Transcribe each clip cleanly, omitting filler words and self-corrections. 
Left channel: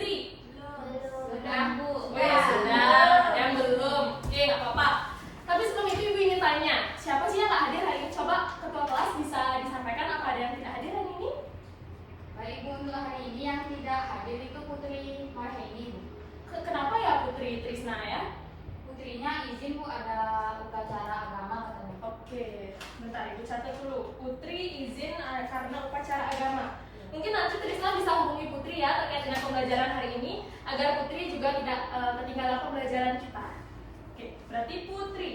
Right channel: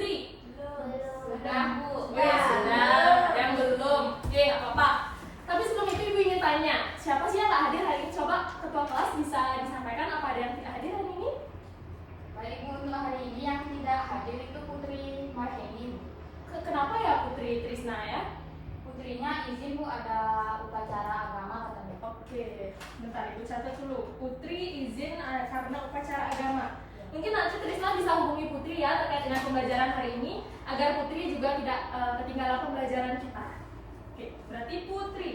Putri? Sudah, Bu. Sudah. Ada yang belum? Oke, nggak apa-apa. Tapi sebelum itu Ibu ingin tanya, siapa sih yang nggak hadir hari ini? Coba ketua kelas bisa disampaikan apa ada yang tidak hadir hari ini? Baik, Bu, untuk hari ini yang tidak hadir itu Putri Marheni. Kenapa ya Putri Trisna ya? Putrinya izin, Bu, ada upacara agama katanya. Oke, bentar Ibu catat dulu. Putri izin karena upacara agama. Mungkin nanti Trisna bisa hubungi Putri ya terkait dengan pembelajaran hari ini agar Putri juga tidak ketinggalan pembelajaran kita. Oke, berarti Putri.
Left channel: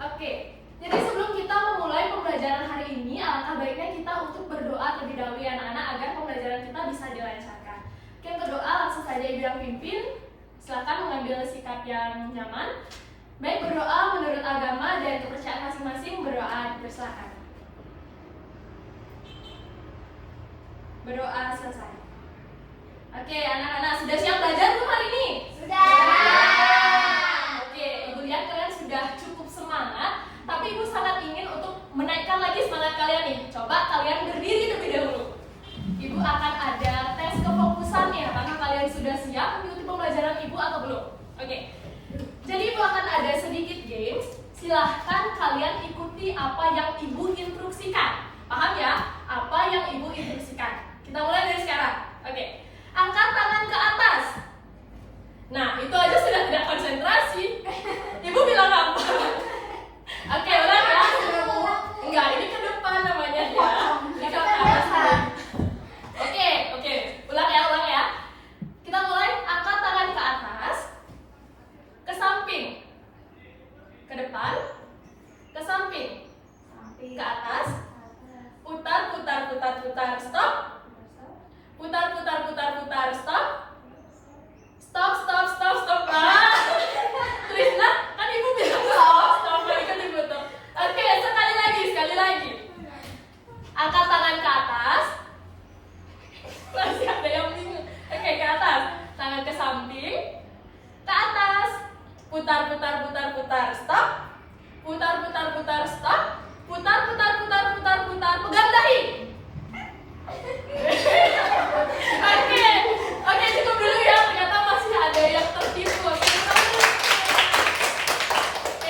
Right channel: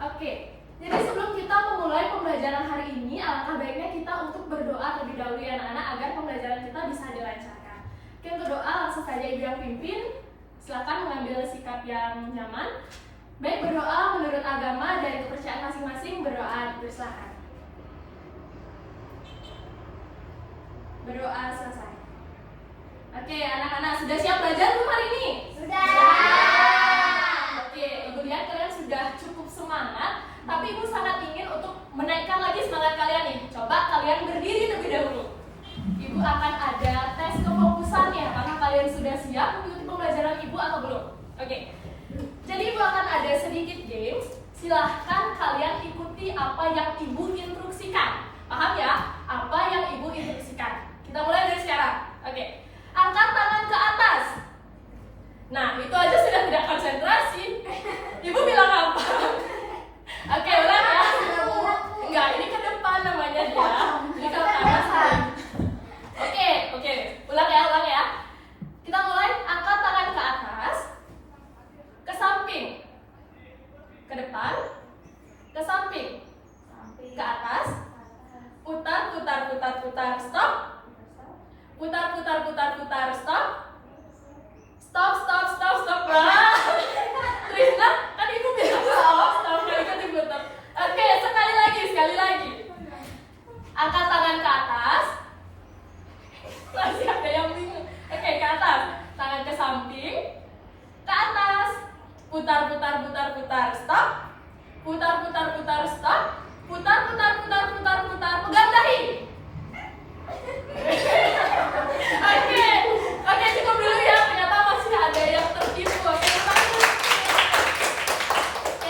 Oke, jadi sebelum kita memulai pembelajaran hari ini, alangkah baiknya kita untuk berdoa terlebih dahulu ya anak-anak agar pembelajaran kita bisa dilancarkan. Oke, untuk doa langsung saja Ibu yang pimpin. Silakan mengambil sikap yang nyaman. Baik, berdoa menurut agama dan kepercayaan masing-masing, berdoa dipersilakan. Berdoa selesai. Oke, anak-anak sudah siap belajar belum hari ini? Sudah. Oke, Ibu lihat kalian sudah cukup semangat, tapi Ibu sangat ingin untuk menaikkan lagi semangat kalian nih. Coba kalian berdiri terlebih dahulu. Ibu akan ada tes kefokusannya, apakah kalian sudah siap mengikuti pembelajaran Ibu atau belum? Oke. Jadi Ibu akan ada sedikit games. Silahkan kalian ikuti apa yang Ibu instruksikan. Paham ya? Apa yang Ibu instruksikan. Kita mulai dari sekarang. Oke. Angkat tangan ke atas. Nah, itu aja sudah tidak konsentrasi. Ibu bilang apa? Oke, ulang ya. Enggak, ini ke depan namanya ya. Ini ke atas. Oke. Ulang ya. Kita mulai. Angkat tangan ke atas. Ke samping. Ke depan. Ke samping. Ke atas. Putar. Stop. Putar. Stop. Nah. Trisna, kan Ibu bilang stop. Ikut diputar. Oke, sekali lagi. Angkat tangan ke atas. Masih ada yang bingung. Oke, ke atas. Tangan ke samping. Ke atas. Putar. Stop. Putar. Stop. Putar. Pegang dahi. Oke, cukup dulu ya. Ternyata masih ada yang tertipu. Oke,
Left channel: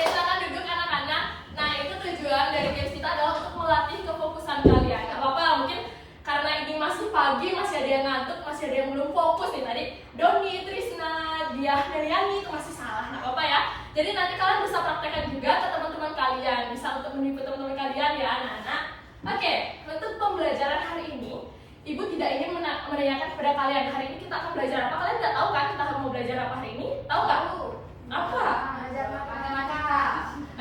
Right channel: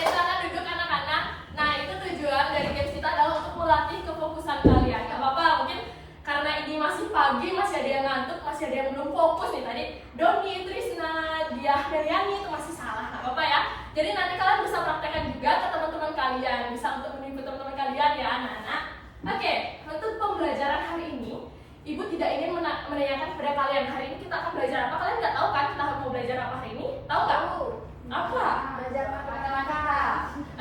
silakan duduk anak-anak. Nah, itu tujuan dari games kita adalah untuk melatih kefokusan kalian. Gak apa-apa, mungkin karena ini masih pagi, masih ada yang ngantuk, masih ada yang belum fokus nih tadi. Doni, Trisna, Diah, Daryani itu masih salah. Gak apa-apa ya. Jadi nanti kalian bisa praktekkan juga ke teman-teman kalian. Bisa untuk menipu teman-teman kalian ya anak-anak. Oke, untuk pembelajaran hari ini Ibu tidak ingin menanyakan kepada kalian hari ini kita akan belajar apa. Kalian nggak tahu kan kita mau belajar apa hari ini? Tahu nggak? Apa? Belajar matematika.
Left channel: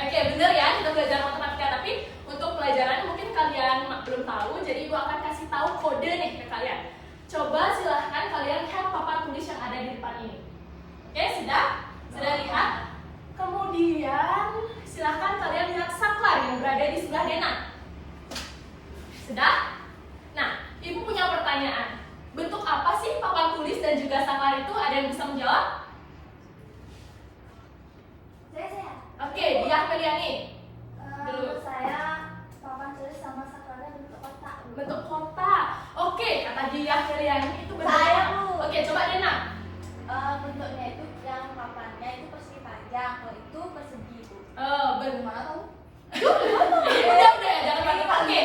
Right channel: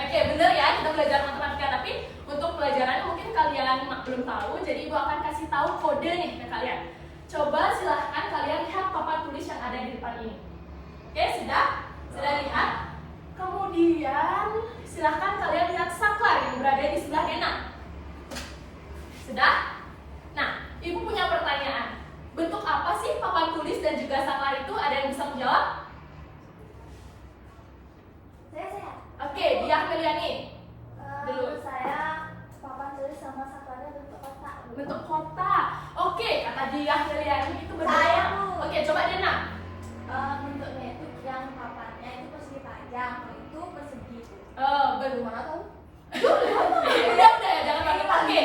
Oke, bener ya kita belajar matematika. Tapi untuk pelajarannya mungkin kalian belum tahu. Jadi Ibu akan kasih tahu kode nih ke kalian. Coba silahkan kalian lihat papan tulis yang ada di depan ini. Oke, sudah lihat? Kemudian silahkan kalian lihat saklar yang berada di sebelah Dena. Sudah? Nah, Ibu punya pertanyaan. Bentuk apa sih papan tulis dan juga saklar itu? Ada yang bisa menjawab? Saya. Oke, Diah Meliani. Menurut saya papan tulis sama saklarnya bentuk kotak. Bentuk kotak. Oke, kata Diah Meliani itu bentuk Saya, kotak. Bu. Oke, coba Dena. Bentuknya itu yang papannya itu persegi panjang, kalau itu persegi, Bu. Bagaimana tahu? Udah ya, jangan pakai-pakai.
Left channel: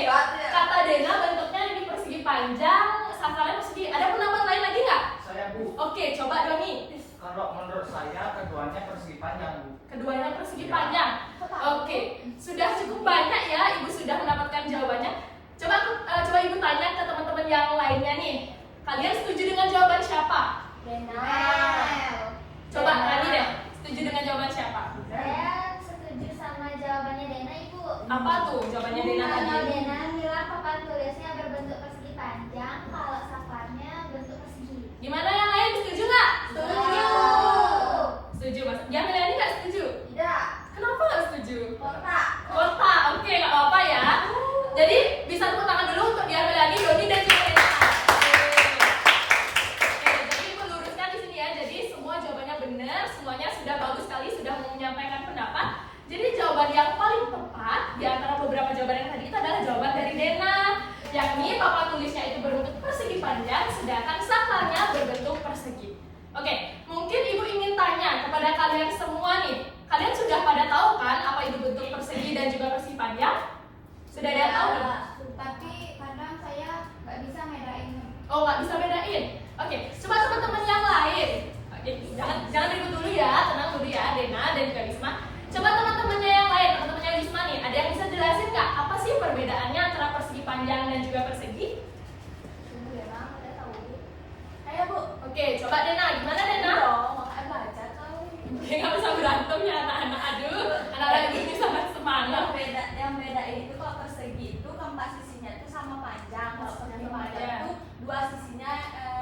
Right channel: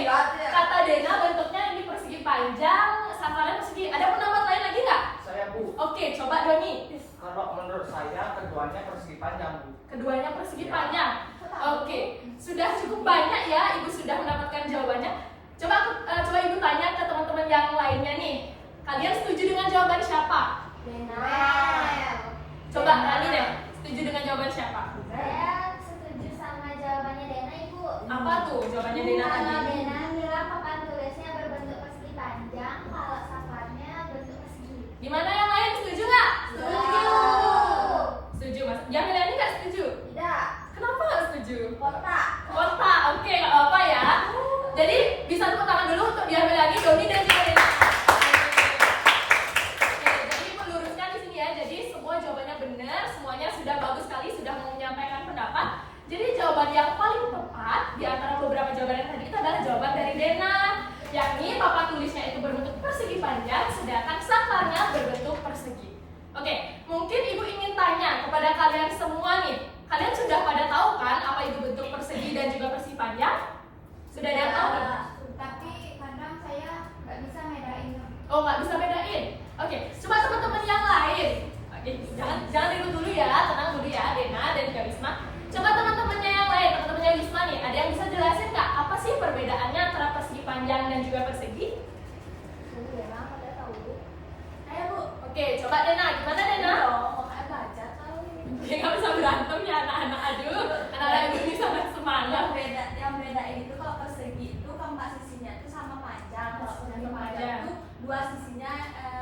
Kata Dena bentuknya ini persegi panjang, saklarnya persegi. Ada pendapat lain lagi nggak? Saya, Bu. Oke, coba Doni. Kalau menurut saya keduanya persegi panjang, Bu. Keduanya persegi panjang. Oke, sudah cukup banyak ya, Ibu sudah mendapatkan jawabannya. Coba Ibu tanya ke teman-teman yang lainnya nih. Kalian setuju dengan jawaban siapa? Coba tanya deh, setuju dengan jawaban siapa? Saya setuju sama jawabannya Dena, Ibu. Apa tuh jawabannya Dena tadi? Kalau Dena bilang papan tulisnya berbentuk persegi panjang, kalau saklarnya bentuk persegi. Gimana yang lain setuju nggak? Setuju. Setuju mas. Yang lain nggak setuju? Tidak. Kenapa nggak setuju? Kotak. Kotak, oke nggak apa-apa ya. Jadi bisa tepuk tangan dulu untuk Diah Melani, Doni dan juga Dena. Oke, jadi meluruskan di sini ya. Jadi semua jawabannya benar, semuanya sudah bagus sekali, sudah menyampaikan pendapat. Jadi jawaban yang paling tepat di antara beberapa jawaban yang tadi itu adalah jawaban dari Dena. yakni papan tulisnya itu berbentuk persegi panjang, sedangkan saklarnya berbentuk persegi. Oke, mungkin ibu ingin tanya kepada kalian semua nih, kalian sudah pada tahu kan apa itu bentuk persegi dan juga persegi panjang? Sudah ada yang tahu? Tapi kadang saya nggak bisa bedain. Oh, nggak bisa bedain. Oke, coba teman-teman yang lain. Oke, jangan ribut dulu ya, tenang dulu ya, Dena dan juga Wisma. Coba teman-temannya yang lain, teman-temannya Wisma nih, ada yang bisa jelasin nggak apa sih perbedaannya antara persegi panjang dan juga persegi? Dena, saya tahu. Ayo Bu. Oke, coba Dena, gimana Dena? Mau baca tahu. Dia nggak bisa berantem ya anak-anak, aduh, anak-anak ibu ini sangat semangat. Yang beda itu kalau persegi itu keempat sisinya itu sama panjang, kalau persegi panjang itu dua sisinya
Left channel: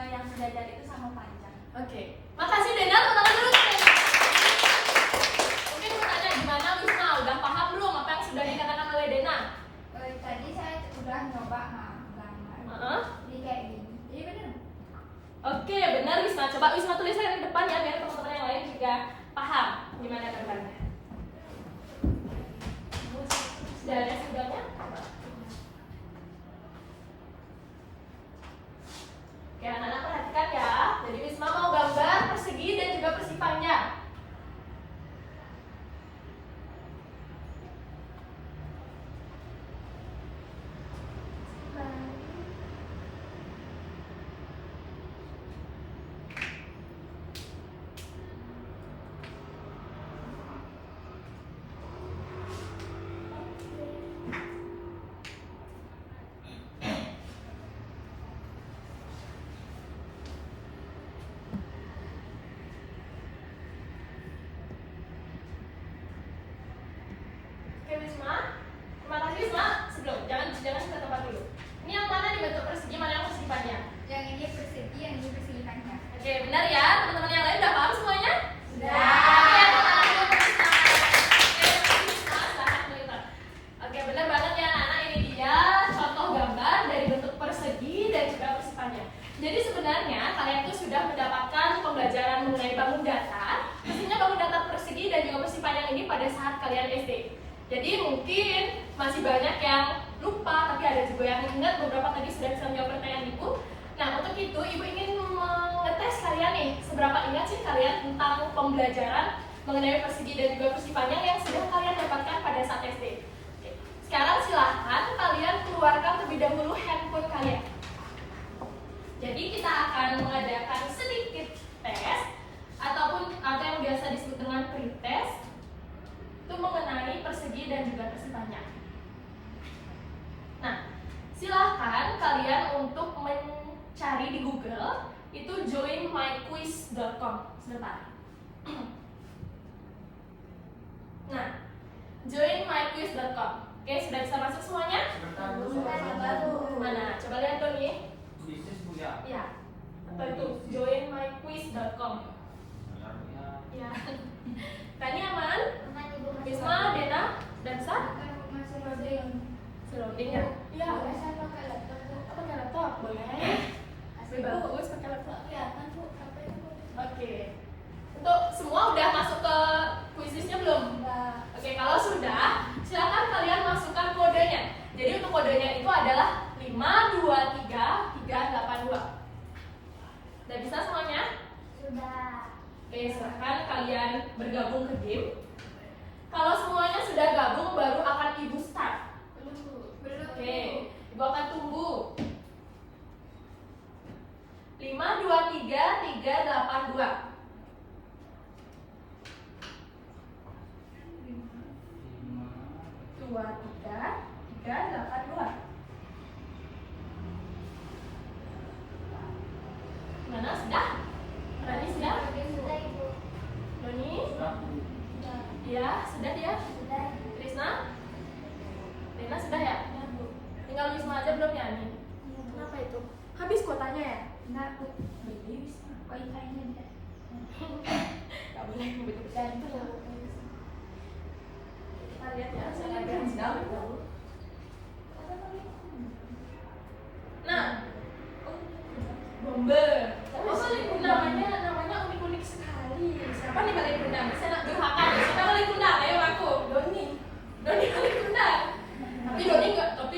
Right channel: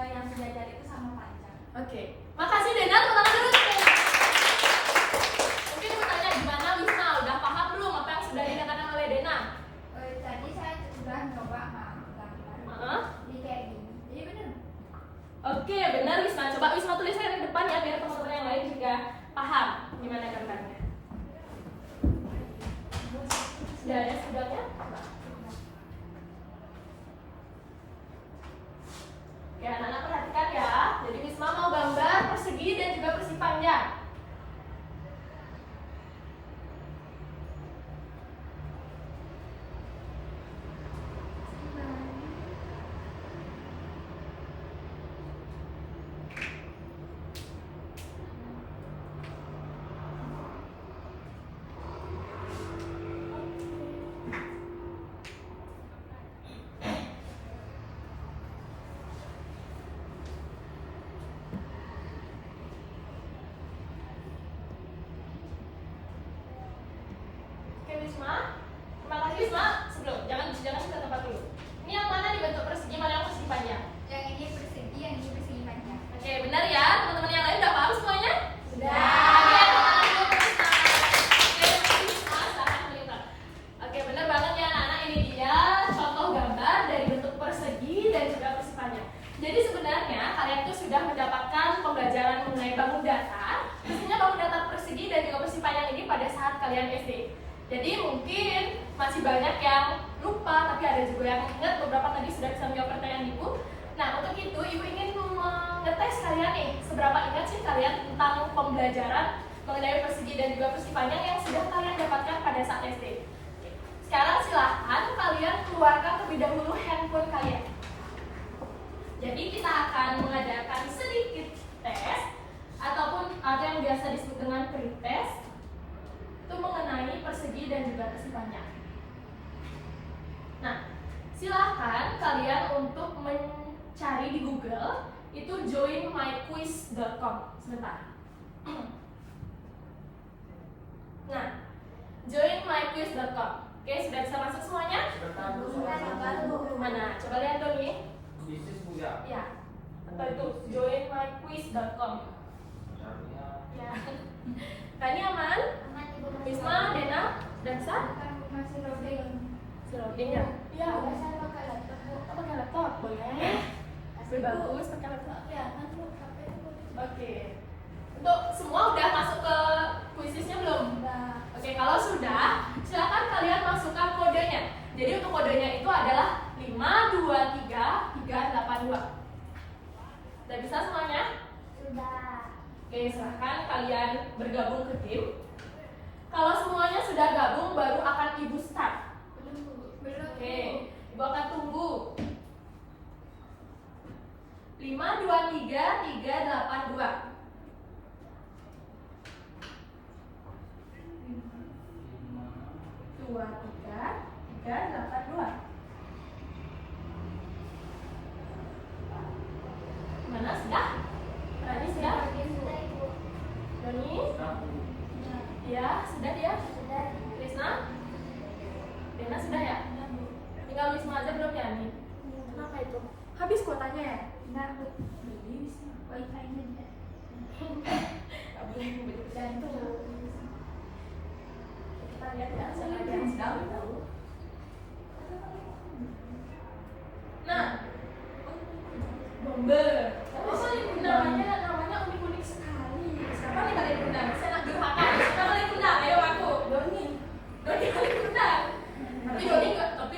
yang sejajar itu sama panjang. Oke, makasih Dena, teman-teman dulu nih. Mungkin mau tanya gimana Wisma, udah paham belum apa yang sudah dikatakan oleh Dena? Tadi saya udah nyoba gambar. Jadi kayak gini. Jadi bener. Oke, benar Wisma. Coba Wisma tuliskan di depan ya biar teman-teman yang lain juga paham gimana gambarnya. Sudah ada sudahnya? Coba. Oke, anak-anak perhatikan ya. Jadi Wisma mau gambar persegi dan juga persegi panjang. Oke Wisma, terima kasih Wisma. Sebelum, jangan ke tempat dulu. Ini yang mana nih bentuk persegi, mana yang persegi panjang? Yang ini persegi, yang ini persegi panjang. Oke, benar ya. Teman-teman yang lain udah paham semuanya? Sudah. Oke, teman-teman dulu Wisma. Oke, Wisma, silahkan melihat. Oke, benar banget ya anak-anak. Ini dia contoh gambar dari bentuk persegi dan juga persegi panjang. Jadi sebenarnya kalian tuh sudah mendapatkan pembelajaran mengenai bangun datar, khususnya bangun datar persegi dan juga persegi panjang ini pada saat kalian SD. Jadi mungkin masih banyak yang lupa, tapi ada juga yang ingat. Beberapa tadi sudah bisa menjawab pertanyaan ibu. Nah, untuk itu ibu ingin mengetes kalian nih, seberapa ingat sih kalian tentang pembelajaran mengenai persegi dan juga persegi panjang yang sudah kalian dapatkan pada saat SD. Oke. Sekarang silahkan kalian keluarkan terlebih dahulu handphone kalian. Jadi kita akan mengadakan sedikit tes ataupun ada yang biasa disebut dengan pretest itu mengenai persegi dan juga persegi panjang. Nah, silahkan kalian untuk mencari di Google itu joinmyquiz.com. Sebentar. Nah, joinmyquiz.com. Oke, sudah bisa masuk semuanya? Sebentar dulu. Mana? Coba lihat tuh nih. Bisnis punya. Ya. Atau itu joinmyquiz.com. Ya. Tadi aman? Aman ibu masih Wisma, Dena, dan Sa? Kan masih loading. Loading ya? Iya. Boleh saya pakai laptop bu? Oh, pakai laptop? Boleh. Asli bagus pakai laptop. Ya kan bu, sampai bu. Oke. Untuk semua udah masuk ke kuisisnya belum? Udah. Oke, kalau sudah, silakan kalian masukkan kodenya. Jadi untuk kodenya itu adalah 523382. Udah bisa semuanya? Sudah. Oke, silahkan kalian bergabung ke tim. Kalau semuanya sudah gabung, baru akan ibu start. Belum. Oke, ibu akan tunggu. 523382. 5382. Gimana? Sudah? Rani sudah? Sudah ibu. Doni? Sudah. Ya, sudah dia. Sudah. Krisna? Dena sudah ya? Tinggal Wisma aja belum ya nih? Kenapa itu? Habis kuotanya ya? Nah bu, Beli Wisma. wifi-nya. Gak boleh betul-betul itu. Kita lihat ya, saya lagi harus tahu. Nah, bomber. Oh, namanya unik-unik sekali. Siapa nih balik undang? Saya nak durhaka. Siapa balik undang? Ayo aku. Doni balik undang.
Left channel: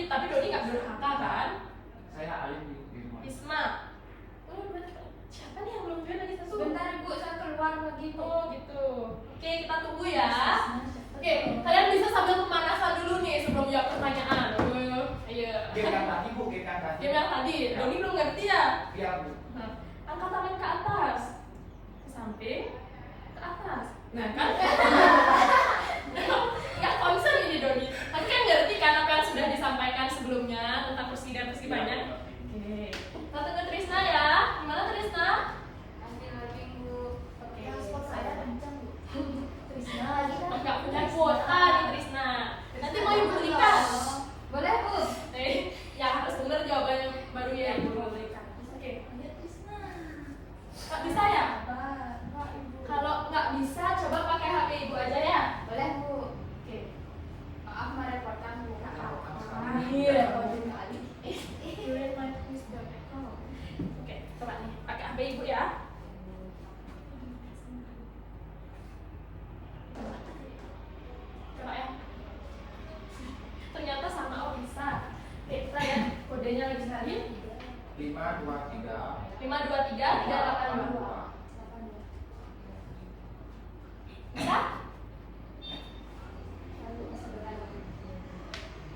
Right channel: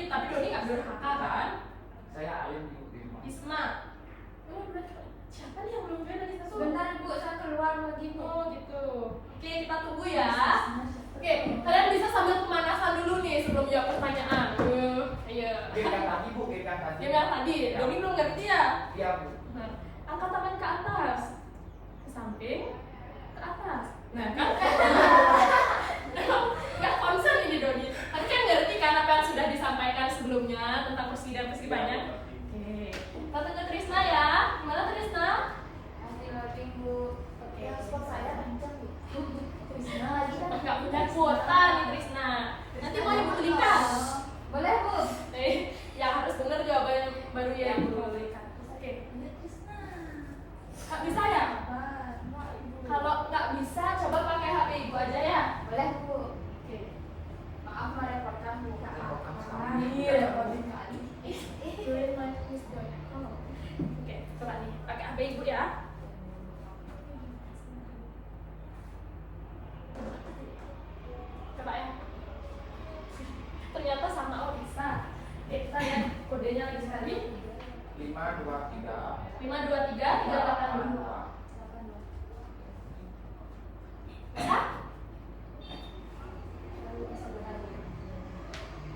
Tapi Doni nggak durhaka kan? Saya Alim di rumah. Isma. Oh, siapa nih yang belum join tadi satu? Sebentar Bu, saya keluar lagi Bu. Oh gitu. Oke, kita tunggu ya. Oke, kalian bisa sambil pemanasan dulu nih sebelum jawab pertanyaan. Ayo. Game yang tadi Bu, game yang tadi. Game yang tadi, Doni belum ngerti ya? Iya Bu. Nah, angkat tangan ke atas, ke samping, ke atas. Nah kan? Nggak konsen ini Doni. Tapi kan ngerti kan apa yang sudah disampaikan sebelumnya tentang persegi dan persipannya. Oke. Satu ke Trisna ya. Gimana Trisna? Nanti loading Bu. Oke. Ya, spot saya kencang Bu. Trisna lagi kan? Nggak punya kuota nih Trisna. Nanti mau Ibu belikan. Boleh Bu. Ya harus bener jawabannya baru ya Ibu. Oke. Iya Trisna. Nggak bisa ya? Sabar, Pak Ibu. Kalau nggak bisa, coba pakai HP Ibu aja ya. Boleh Bu. Oke. Maaf merepotkan Bu. Iya. Oke, coba nih pakai HP Ibu ya. Coba ya. Ternyata sama oh bisa. Oke, kita lihat kodenya lagi tadi. 523 523 382. Bisa?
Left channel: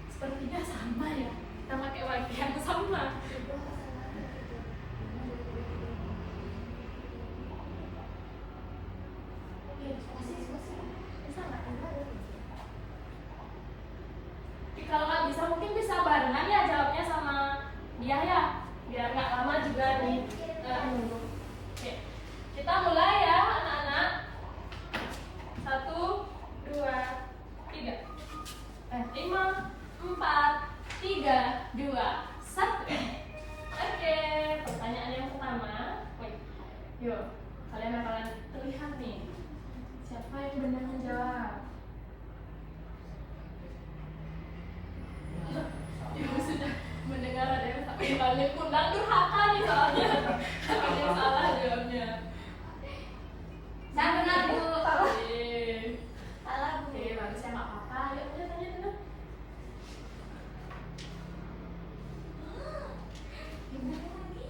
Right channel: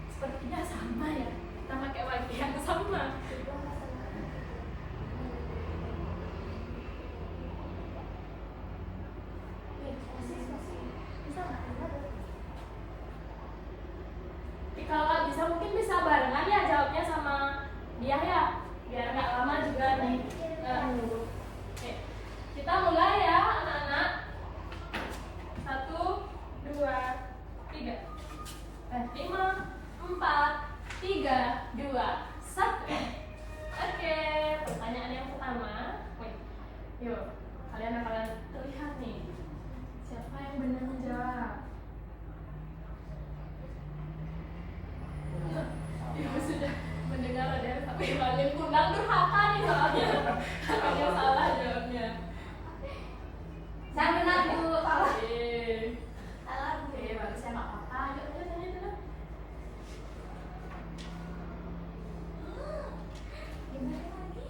Sepertinya sama ya. Kita pakai wifi yang sama. Bisa nggak? Kalau nggak bisa mungkin bisa barengan ya jawabnya sama dia ya, biar nggak lama juga nih nunggu. Oke, kita mulai ya anak-anak. 1, 2, 3. 5, 4, 3, 2, 1. Oke, pertanyaan yang pertama. Wait, yuk kalian akan terlihat nih siapa yang benar menjawab. Ibu sudah mendengar ada yang sampai balik undang durhaka nih soalnya. Takutnya salah jawabnya. Saya benar Bu. Oke, Salah Bu. oke bagus ya nggak apa-apa. Yuk tanya dulu. Gimana lagi?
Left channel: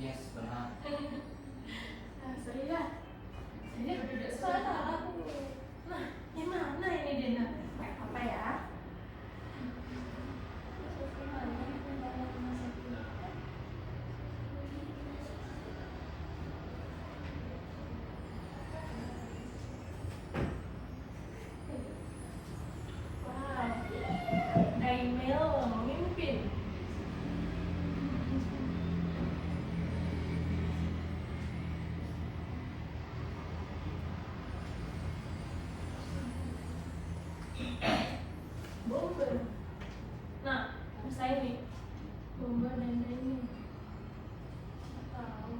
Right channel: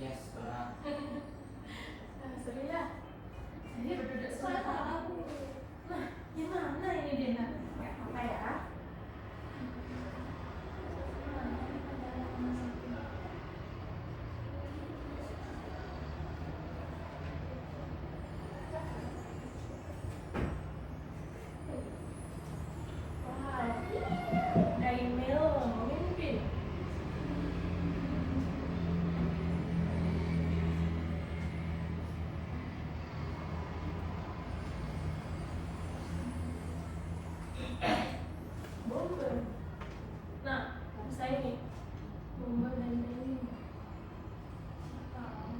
Yes, benar. Nah, seru ya. Ini duduk sekolah tak aku. Nah, gimana ini Dina? Nggak apa-apa ya. Wow, Daimel memimpin. Bomber. Nah, bisa ini. Bomber dan Daimel. Tahu.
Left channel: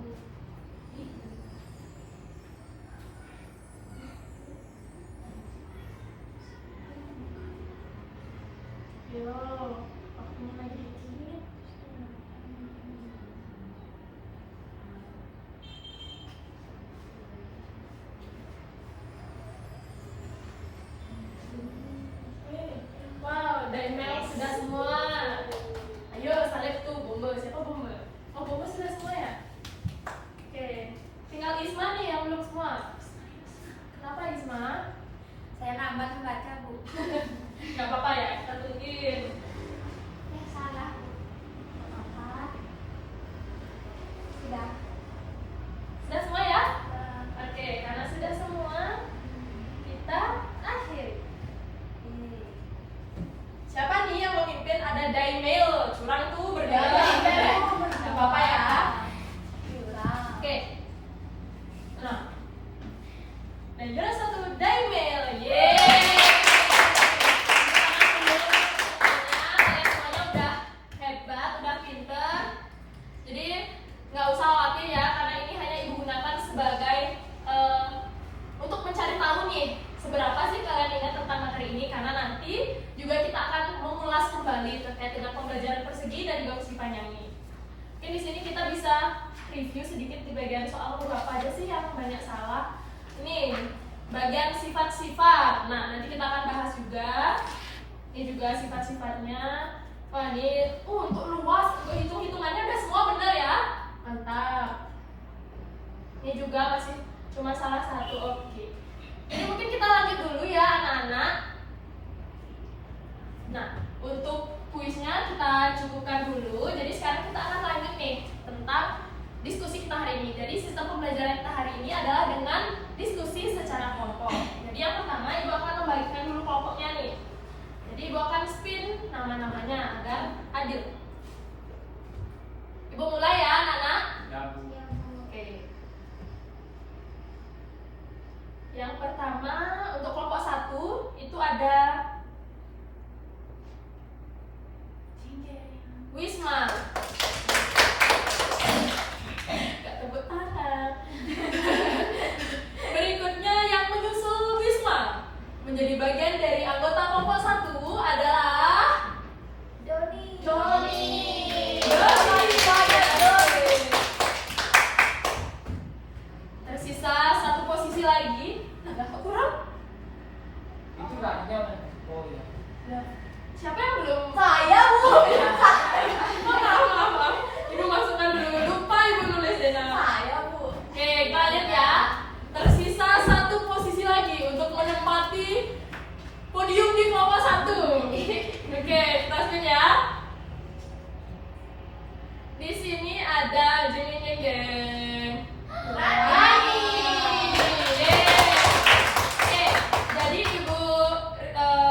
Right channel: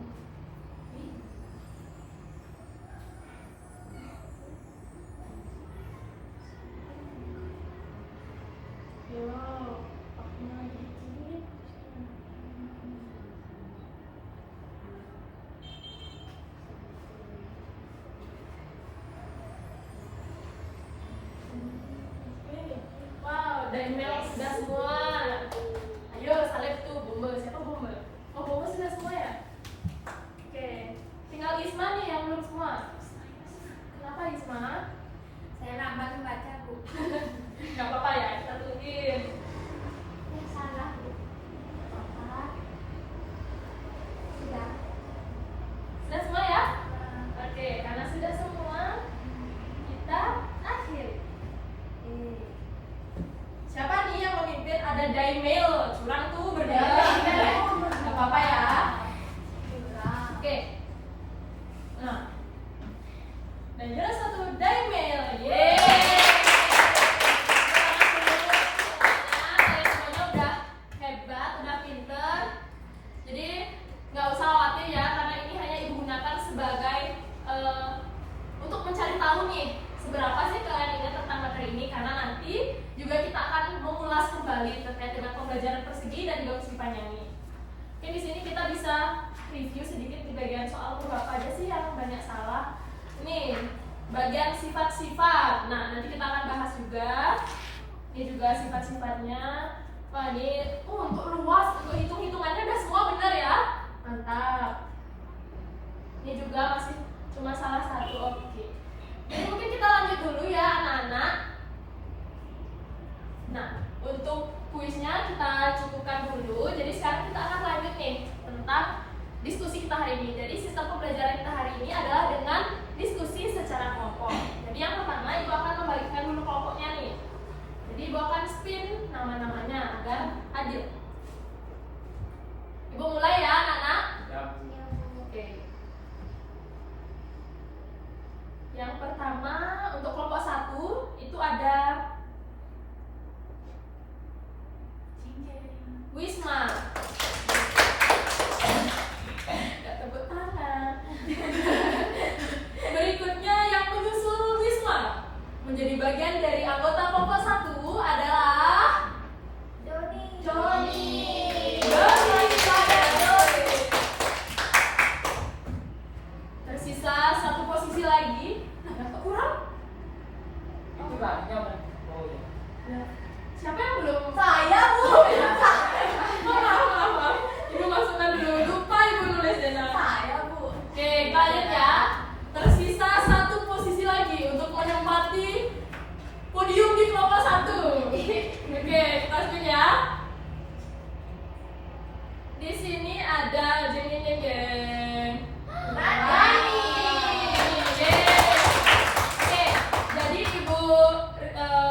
Ih. Yo, waktunya lagi dikit. Oke. Wow, Daimel sudah semua. Ayo salib tuh bomber. Siapa bomber? Oh, bomber sudah semua ya? Oke. Tinggal Isma nih yang belum semua. Kenapa Isma? Saya nambah membaca Bu. Gak apa-apa ya, kita tungguin. Salah Bu. Apa? Sudah. Sudah semua ya? Oke, karena sudah semua, kita akhiri. Siapa nih yang memimpin? Ada Daimel, curang tuh berdiri. Gak apa-apa ya. Oke. Nah, dan juara satu Daimel. Yeay. Kalian semuanya udah hebat, udah pinter. Jadi nggak usah khawatir ya, karena ini hanya Ibu gunakan sebagai untuk mencari tahu nih seberapa sih kalian ingat tentang materi ini, karena nanti juga kita akan mengulas kembali terkait dengan pembelajaran persegi dan juga persegi panjang ini. Mungkin di sini kita bisa review sedikit di bagian soal huruf apa aja sih yang banyak salah. Ini bagian sifat-sifat. Nah, nanti kita akan bahas juga. Ini juga sifat-sifatnya. Wah, ini untuk luas, untuk hitung-hitungannya udah semua benar ya. Mantap. Ini juga masih cuma salah satu. Oke. Jadi mungkin kita lanjut dulu ya anak-anak. Nah, untuk kuisnya kita cukupkan dulu. Jadi sekarang kita akan lanjut nih tentang diskusi kita hari ini. Jadi sistem pembelajaran kita hari ini adalah dengan diskusi secara kelompok. Jadi yang pertama Ibu akan membagikan dulu kelompoknya nih. Jadi Ibu akan spin nama-namanya agar adil. Ibu mulai ya anak-anak. Ya, Bu. Oke. Yang pertama untuk kelompok 1 itu ada Wisma. Gak tepuk tangan. Berikutnya yang menyusul Wisma menjadi bagian dari anggota kelompok 1 adalah Doni. Doni. Tersisa satu posisi lagi. Nah, kok kurang? Itu Kak, ini apa? Oh ya. Ya. Siapa yang belum? Saya, Bu. Maaf. Ibu masukkan dulu. Lupa Ibu nulis deh nama. Saya, Bu. Oke, kita lihat ya. Tersisa satu posisi lagi untuk menempati podium di kelompok 1. Oke, kita spin ya. Di sini ada jeng. Rani. Oke, jadi Ibu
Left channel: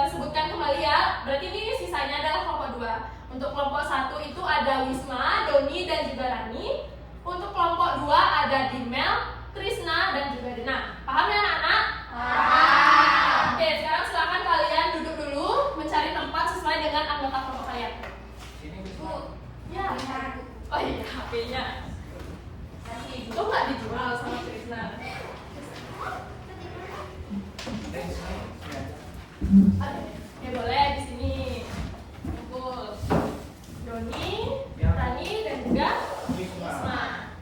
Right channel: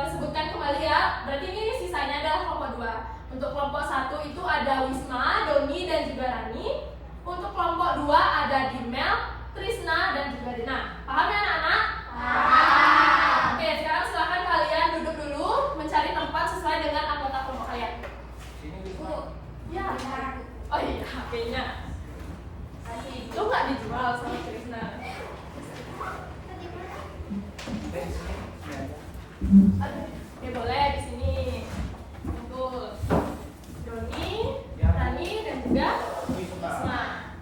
sebutkan kembali ya. Berarti ini sisanya adalah kelompok 2. Untuk kelompok 1 itu ada Wisma, Doni, dan juga Rani. Untuk kelompok 2 ada Dimel, Trisna, dan juga Dina. Paham ya anak-anak? Paham. Oke, sekarang silakan kalian duduk dulu mencari tempat sesuai dengan anggota kelompok kalian. Sini Bu. Ya. Oh iya, HP-nya. Itu nggak dijual sama Trisna. Di sini. Sini aja. Ya boleh di sini. Kumpul. Doni, Rani, dan juga Wisma. Wisma.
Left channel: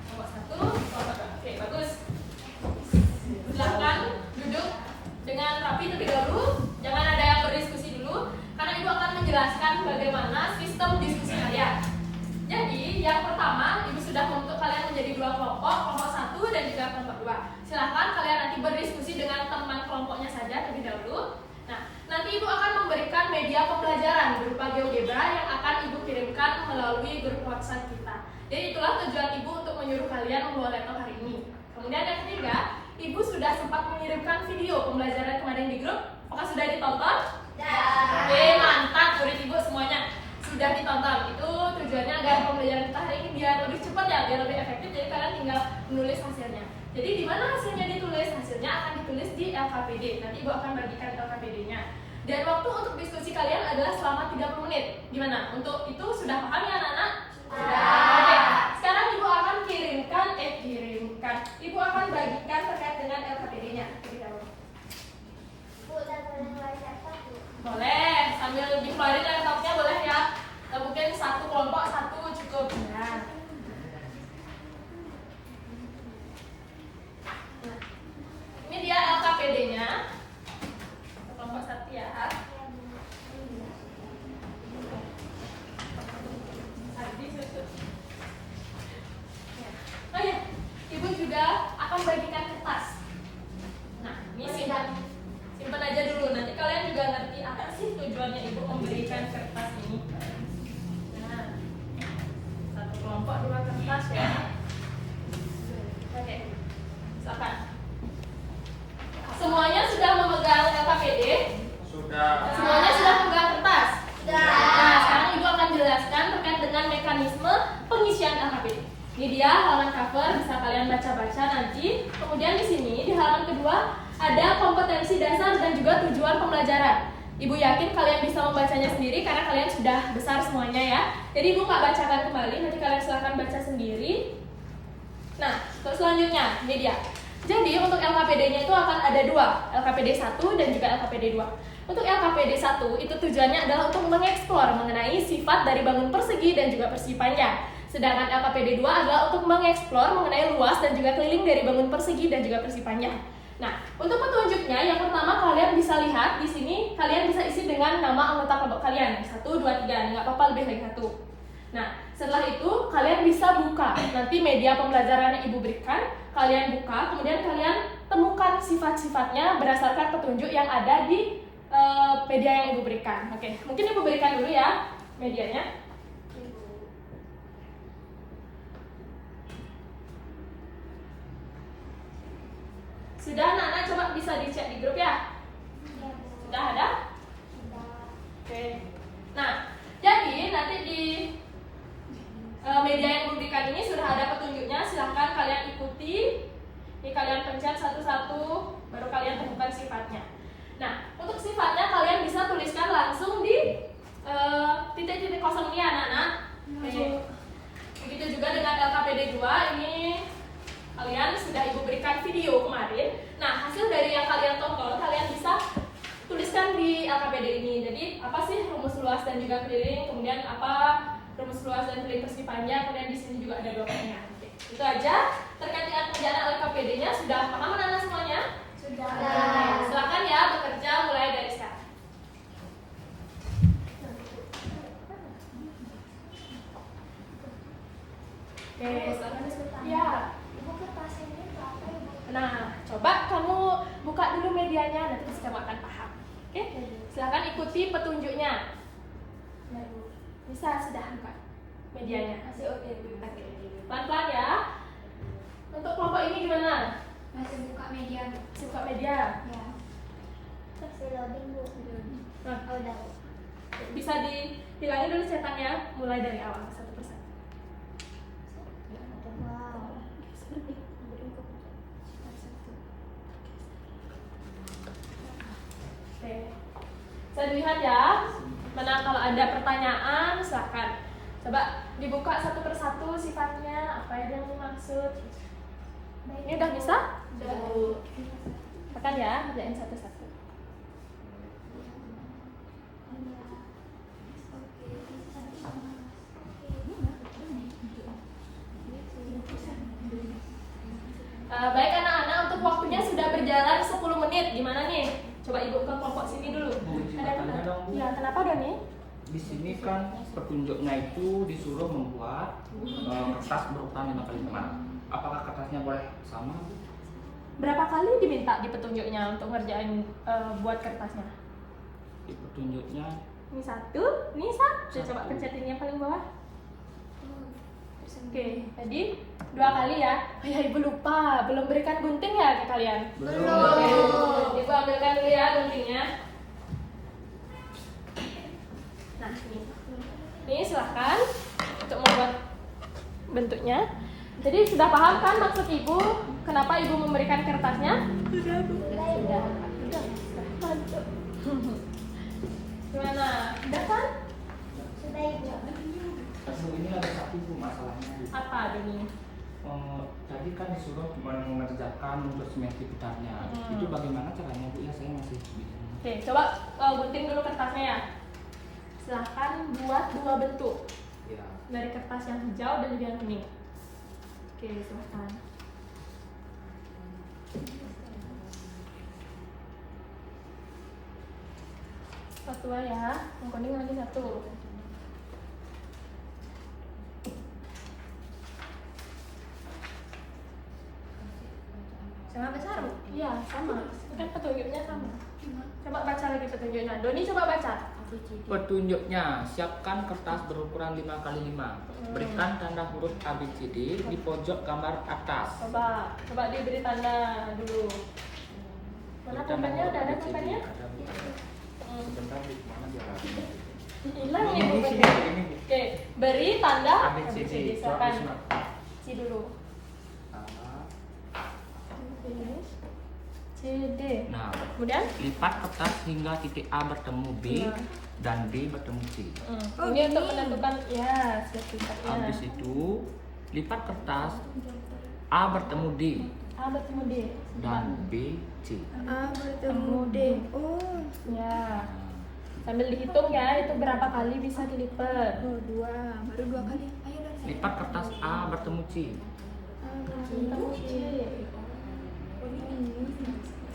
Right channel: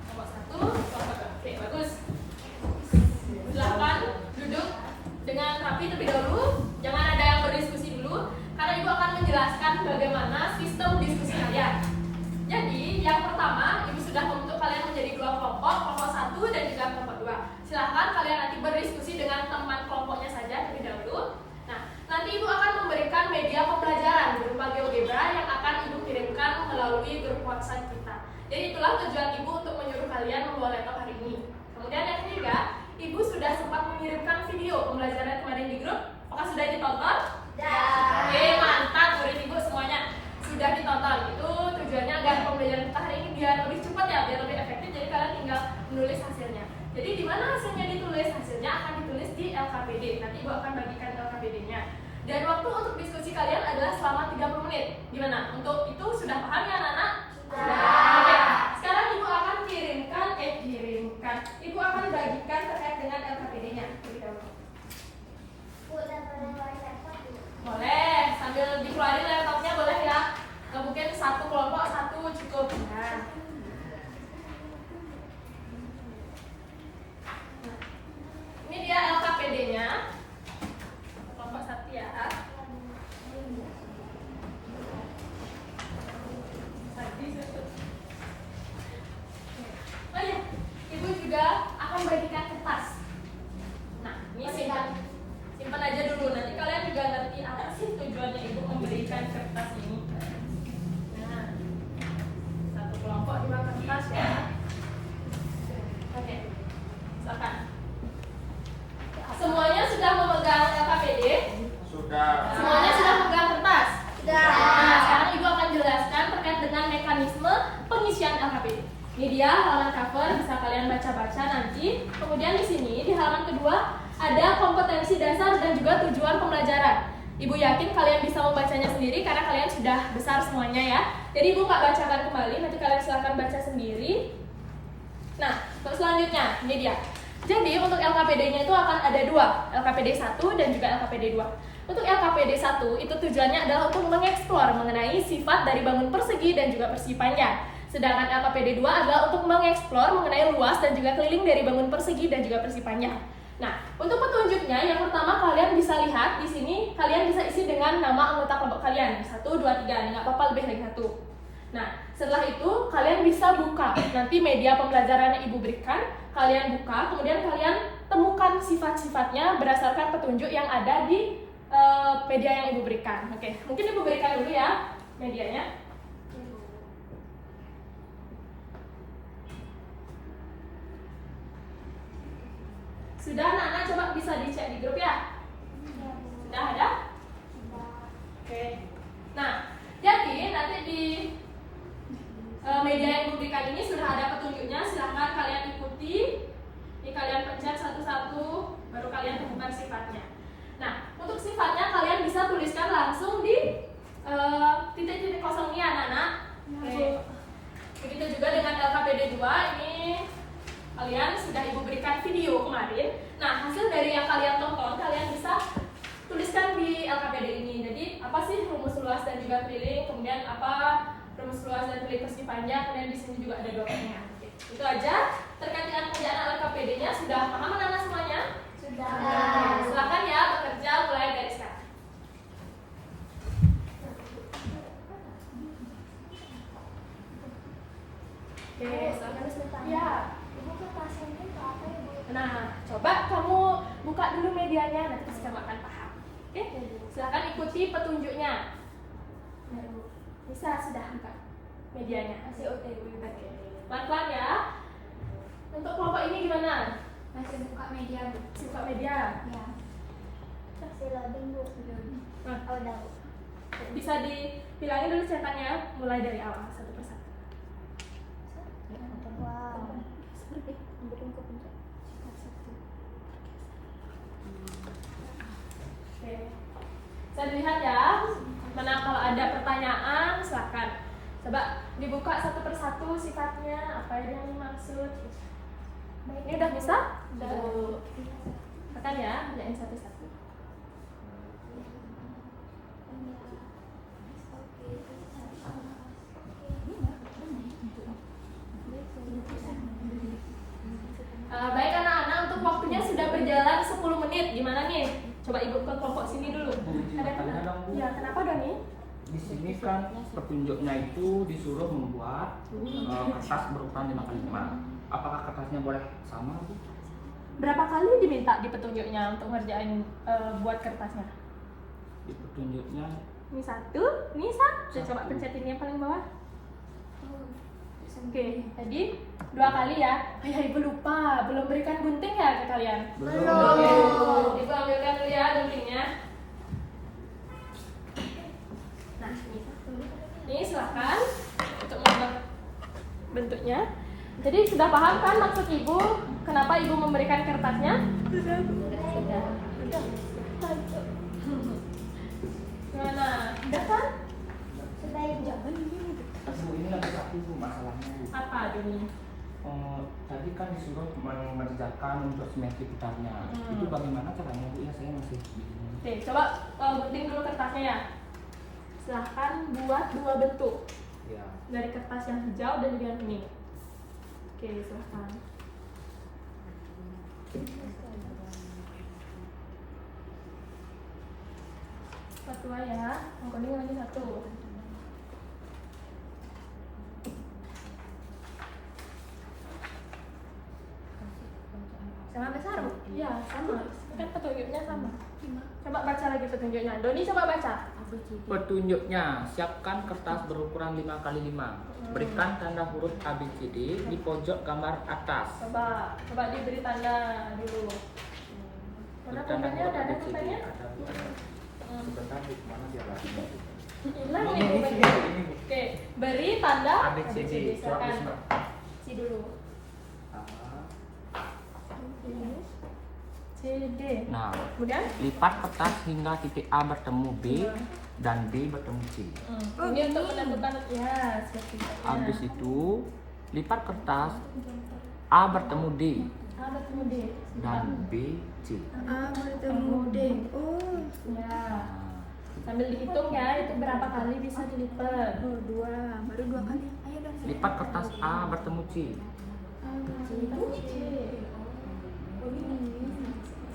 Kelompok 1, kelompok 2. Oke, bagus. Silakan duduk dengan rapi terlebih dahulu. Jangan ada yang berdiskusi dulu, karena Ibu akan menjelaskan bagaimana sistem diskusi kalian. Jadi, yang pertama, Ibu sudah membentuk kalian menjadi 2 kelompok, kelompok 1 dan juga kelompok 2. Silakan kalian nanti berdiskusi dengan teman kelompoknya saja terlebih dahulu. Nah, nanti Ibu akan memberikan media pembelajaran berupa GeoGebra yang akan Ibu kirimkan melalui grup WhatsApp kita. Jadi itulah tujuan Ibu untuk menyuruh kalian membawa laptop hari ini. Kemudian yang ketiga, Ibu sudah sempat mengirimkan video pembelajaran kemarin di grup. Apakah sudah ditonton? Oke, mantap murid Ibu semuanya sudah ditonton. Itu tujuannya agar pembelajaran kita hari ini biar lebih cepat ya, biar lebih efektif. Jadi kalian tinggal menulis hasilnya. Jadi di mana hasilnya ditulis? Hasilnya akan ditulis di LKPD. Nanti Ibu akan bagikan LKPD-nya. Dan waktu untuk diskusi kalian adalah selama 30 menit. Gimana? Untuk itu sudah paham ya anak-anak? Sudah. Oke. Sekarang Ibu akan kirimkan. Ibu akan bagikan terkait dengan LKPD-nya. Bu, dan mengeluarkan laptop, Bu. Boleh, sambil dikeluarin laptopnya boleh ya. Mungkin satu kelompok, satu cukup. Nah. Ini dia LKPD-nya. Kelompok 1 ya. Oh iya, Ibu juga akan bagikan kertas. Nah, ini simpan aja dulu. Nanti kalian juga ngerti apa sih tujuannya Ibu memberikan kertas ini. Nah, satu kelompok 2 kertas ya. Oke, silakan. Semuanya sudah memegang LKPD? Sudah. Semuanya sudah memegang kertas? Sudah. Nah, sekarang Ibu akan jelaskan terkait dengan mekanisme pengisian LKPD. Ini dia halaman cover, bisa kalian baca-baca nanti. Kemudian di sini di halaman kedua ada kompetensi dasar dan juga tujuan pembelajaran. Ibu yakin kalian bisa membacanya sendiri karena kalian sudah besar semuanya ya. Jadi Ibu nggak bacakan kembali, nanti kalian silahkan baca sendiri. Nah, untuk selanjutnya ini dia. Jadi untuk LKPD-nya itu akan ada 2, LKPD 1 dan juga LKPD 2. Untuk LKPD 1 itu tujuannya adalah untuk mengeksplor mengenai sifat dari bangun persegi dan juga persegi panjang. Sedangkan LKPD 2 adalah untuk mengeksplor mengenai luas dan juga keliling dari bangun persegi dan juga persegi panjang. Nah, untuk petunjuknya yang pertama kalian bisa lihat di sini, kalian bisa isi dengan nama anggota kelompok kalian. 1, 2, 3, nggak apa-apa lebih dari 1. Nah, setelah itu kalian bisa buka. Nanti media pembelajaran yang Ibu berikan, kalian buka, kemudian kalian temukan sifat-sifatnya berdasarkan petunjuk yang ada di media yang Ibu berikan. Oke, mungkin Ibu berikan dulu ya medianya. Sudah anak-anak, coba bisa dicek di grup ya? Iya, Bu. Sudah ada? Sudah. Oke. Nah, jadi nanti di media yang diberikan ini sudah ada petunjuknya. Silahkan kalian ikuti. Ini kalian pencet satu-satu, baru kalian temukan sifatnya. Nah, untuk sifatnya kalian bisa tuliskan langsung di titik-titik kosong ini anak-anak. Oke. Begitu juga dengan LKPD 2 ini. Kalian sudah Ibu berikan video kemarin. Nah, hasil dari yang kalian tonton, kalian bisa tuliskan di LKPD ini. Jadi, apa sih rumus luas dan juga keliling? Kemudian apa rumus luas dan keliling persegi panjang? Kemudian di sini juga ada 2 pertanyaan. Oke, itu aja terkait dengan pengerjaan LKPD-nya. Sudah paham anak-anak semuanya? Sudah. Oke, silakan ya bekerja mulai dari sekarang. Oke, silakan. Ya. Ibu kertas ini untuk apa ya, Bu? Nah, coba kamu buka dulu medianya, nanti pasti kamu akan paham. Oke, silahkan ikuti petunjuknya. Ya, Bu. Bisa, sudah buka medianya. Masih OTW. Oke, pelan-pelan ya. Untuk kelompok ini gimana? Masih buka media, Bu. Masih buka media. Ya. Masih loading, Bu. Nah, Oh, udah, Bu. bisa dihilangin dulu cetakannya, mulai dari awal satu persatu. Wow. Oke, bisa dilihat ya. Mana kalau ada pertanyaan, silakan. Coba dibuka satu persatu sifatnya, apa yang dimaksud. Ini udah bisa? Udah. Tekan ya, kerjain satu-satu. Baik anak-anak, untuk waktunya sudah berjalan 10 menit. Gimana nih? Coba Ibu ke kelompok sini dulu. Bu, izin Ada bertanya dong, Bu. Ya, kenapa Doni? Di sini kan petunjuknya itu disuruh membuat kertas berukuran 5x5. Apakah kertasnya boleh sama, Bu? Berapa kali diminta di petunjuknya untuk ngerjain buat kertasnya? Di petunjuknya Ini satu, ini satu. Coba pencetin yang paling bawah. Oke, jadi 2 kali ya. Oh ya, Ibu lupa, belum berikan gunting ya ke kalian? Belum. Oke, Ibu ambilkan dulu ya guntingnya. Nah, ini silahkan untuk membuat bentuknya. Jadi sudah paham kan maksud Ibu kenapa Ibu memberikan kertasnya? Sudah, Bu. Sudah. Mantap. Gimana? Udah kan? Sudah, Ibu. Bu, ini ada satu, Bu, masalahnya, Bu. Apa Doni? Tadi kan disuruh mengerjakan untuk simetri putarnya. Itu bagaimana caranya, Bu? Ya, saya masih bingung. Oke, coba gunting dulu kertasnya ya. Silahkan buat 2 bentuk Ya. dari kertas yang hijau dan juga yang kuning. Oke, silahkan. Satu ya, yang kuning lagi satu. Sama besar? Iya, sama. Kan petunjuknya sama. Coba baca lagi petunjuknya. Doni coba baca. Petunjuknya, siapkan kertas berukuran 5x5. Berikan tanda huruf ABCD di pojok gambar atas. Coba diberi tanda dulu. Mana Beri tanda pulpennya? huruf Udah ada ABCD. pulpennya? Ada, Bu. Sebentar, Bu. Mana dia lagi? Hilang Ini, nih ini, pulpennya. sini, ini, Bu. Oke, beri tanda ABCD. Silakan. Coba, C dulu. A. C, D. Nah, Kemudian? lipat kertas hingga titik A bertemu B dan B bertemu C. Ini untuk menentukan ya sifatnya. Habis itu lipat kertas A bertemu D A bertemu D. dan B C. A bertemu D. Oh, Ya. Sambil dihitung ya, itu berapa kali bisa dilipat. oh 2. Baru 2 kali. Ayo dong. Lipat kertas A bertemu C. A bertemu Bertemu C.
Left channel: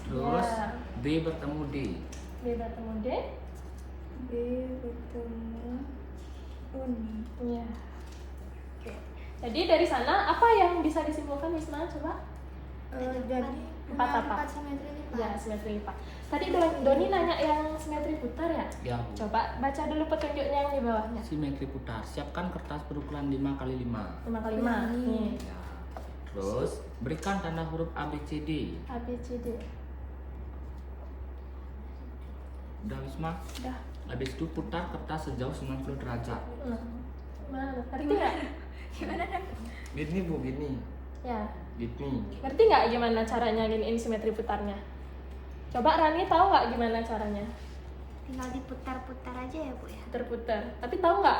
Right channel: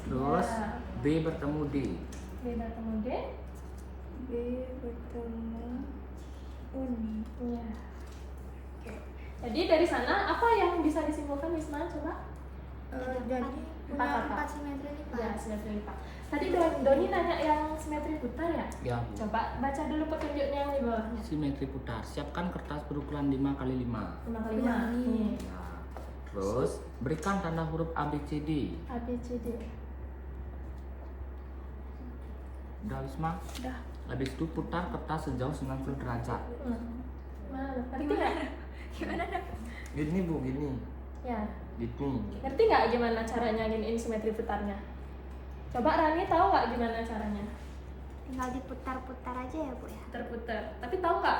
Terus Ya. B bertemu D. B bertemu D. B bertemu Uni. Iya. Oke. Jadi dari sana apa yang bisa disimpulkan Wisma? Coba. Jadi Empat punya apa? 4 simetri lipat. Ya, simetri lipat. Tadi Doni nanya yang simetri putar ya? Ya, Bu. Coba baca dulu petunjuknya yang di bawahnya. Simetri putar. Siapkan kertas berukuran 5 kali 5. 5 kali 5. Nih. Ya. Terus berikan tanda huruf A B C D. A, B, C, D. Udah Wisma? Udah. Habis itu putar kertas sejauh 90 derajat. Mana? Ngerti nggak? Gimana dok? Gini Bu, gini. Ya. Gini. Ngerti nggak gimana caranya giniin simetri putarnya? Coba Rani tahu nggak gimana caranya? Tinggal diputar-putar aja ya Bu ya. Terputar. Tapi tahu nggak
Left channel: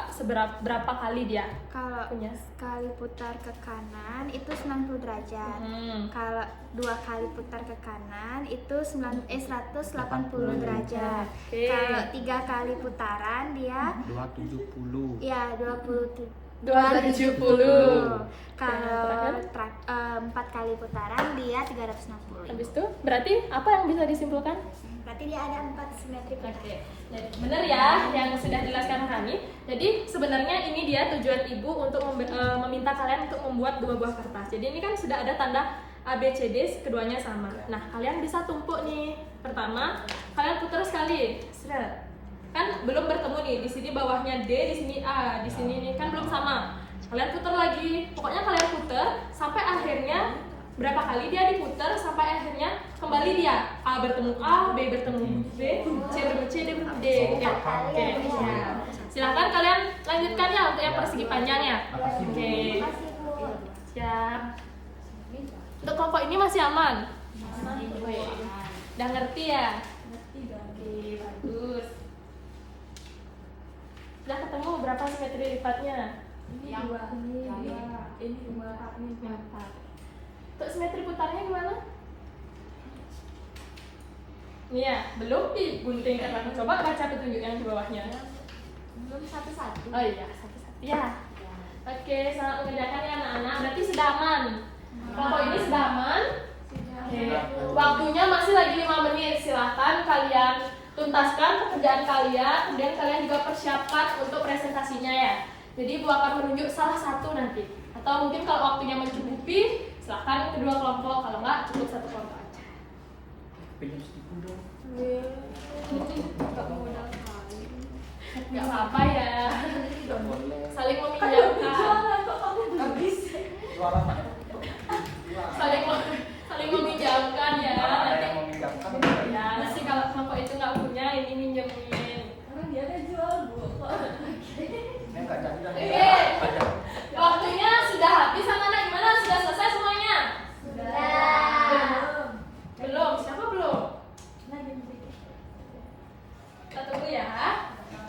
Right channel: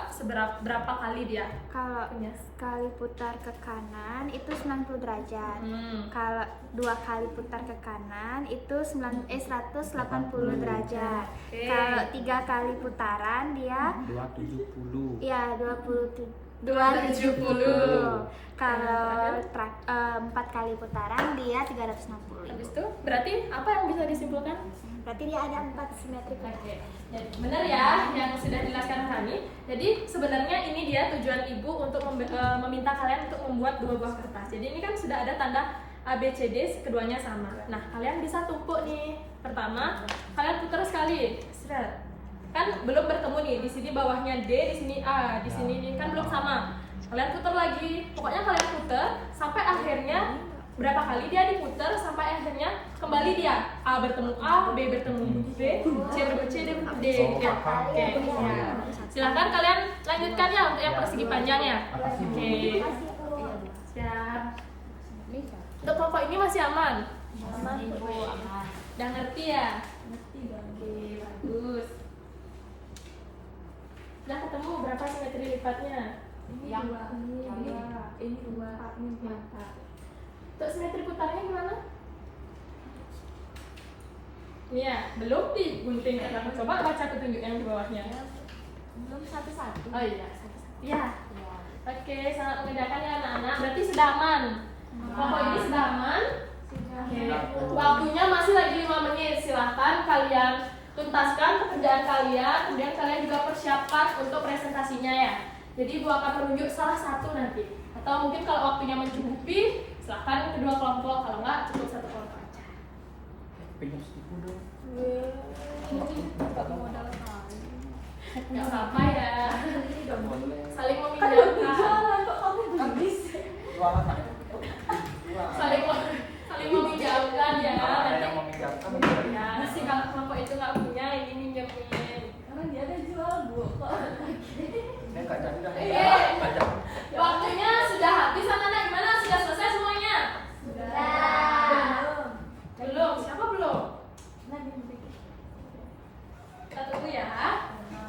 berapa kali dia Kalau punya? sekali putar ke kanan itu 90 derajat. Kalau 2 kali putar ke kanan itu 180 derajat. Oke. Kalau 3 kali putaran dia 270. ya 270. 270. Kalau 4 kali putaran dia 360. Habis itu berarti apa yang bisa disimpulkan? Berarti dia ada 4 simetri putar. Oke, jadi benar ya yang sudah dijelaskan Rani. Jadi sebenarnya ini dia tujuan ibu untuk meminta kalian untuk membuat 2 buah kertas. Jadi ini kan sudah ada tanda A, B, C, D, keduanya sama. Nah, kalian bisa tumpuk nih. Pertama, kalian putar sekali. Seret. Kan belum bertemu nih. Di sini bawahnya D, di sini A, di sini nih kan belum sama. Kalian putar lagi. Pokoknya kalian putar sampai akhirnya berapa kali dia diputar sampai akhirnya kembali dia A bertemu A, B bertemu B, C bertemu C, D bertemu D. Gitu ya. Oke. Ya. Silakan kalian lanjutkan ya untuk yang persegi panjangnya. Makasih, Bu. Oke. Makasih Bu. Siap. Untuk kelompok ini masih aman? Aman. Oke. Udah ngerti ya? Ngerti dong. Oke, bagus. Udah ketemu berapa simetri lipatnya? Ini 2, ini 2, ini 4. Untuk simetri putarnya gimana? Ini ya, belum digunting karena coba baca petunjuk yang di bawahnya. Belum satu-satu. Oh iya, satu-satu. Ya. Oke, sangat mengerjakan ya anak-anak. Berarti sudah aman. Kelompok ini sudah aman. Oke. Waktunya masih lagi 5 menit. Silahkan kalian tuntaskan pekerjaan kalian. Kemudian kalian juga persiapkan untuk presentasinya ya. Jadi ibu akan menunjuk salah satu nanti. Atau mungkin kalau waktunya mencukupi, silahkan kedua kelompok. Kalau enggak, cukup satu kelompok aja. Pinjam stiku dong. Nggak apa-apa ya. Tidak boleh. Saling meminjamkan. Jualan Pak. Saling meminjamkan ya. Kalau ada Nanti yang meminjamkan, ya nanti kalau kelompok itu nggak punya, ini minjemin. Karena dia ada jual Bu. ini nggak jadi dah. Iya. Pajak. Waktunya sudah habis anak-anak, gimana? Sudah selesai semuanya? Sudah. Belum. Siapa belum? Kita tunggu ya.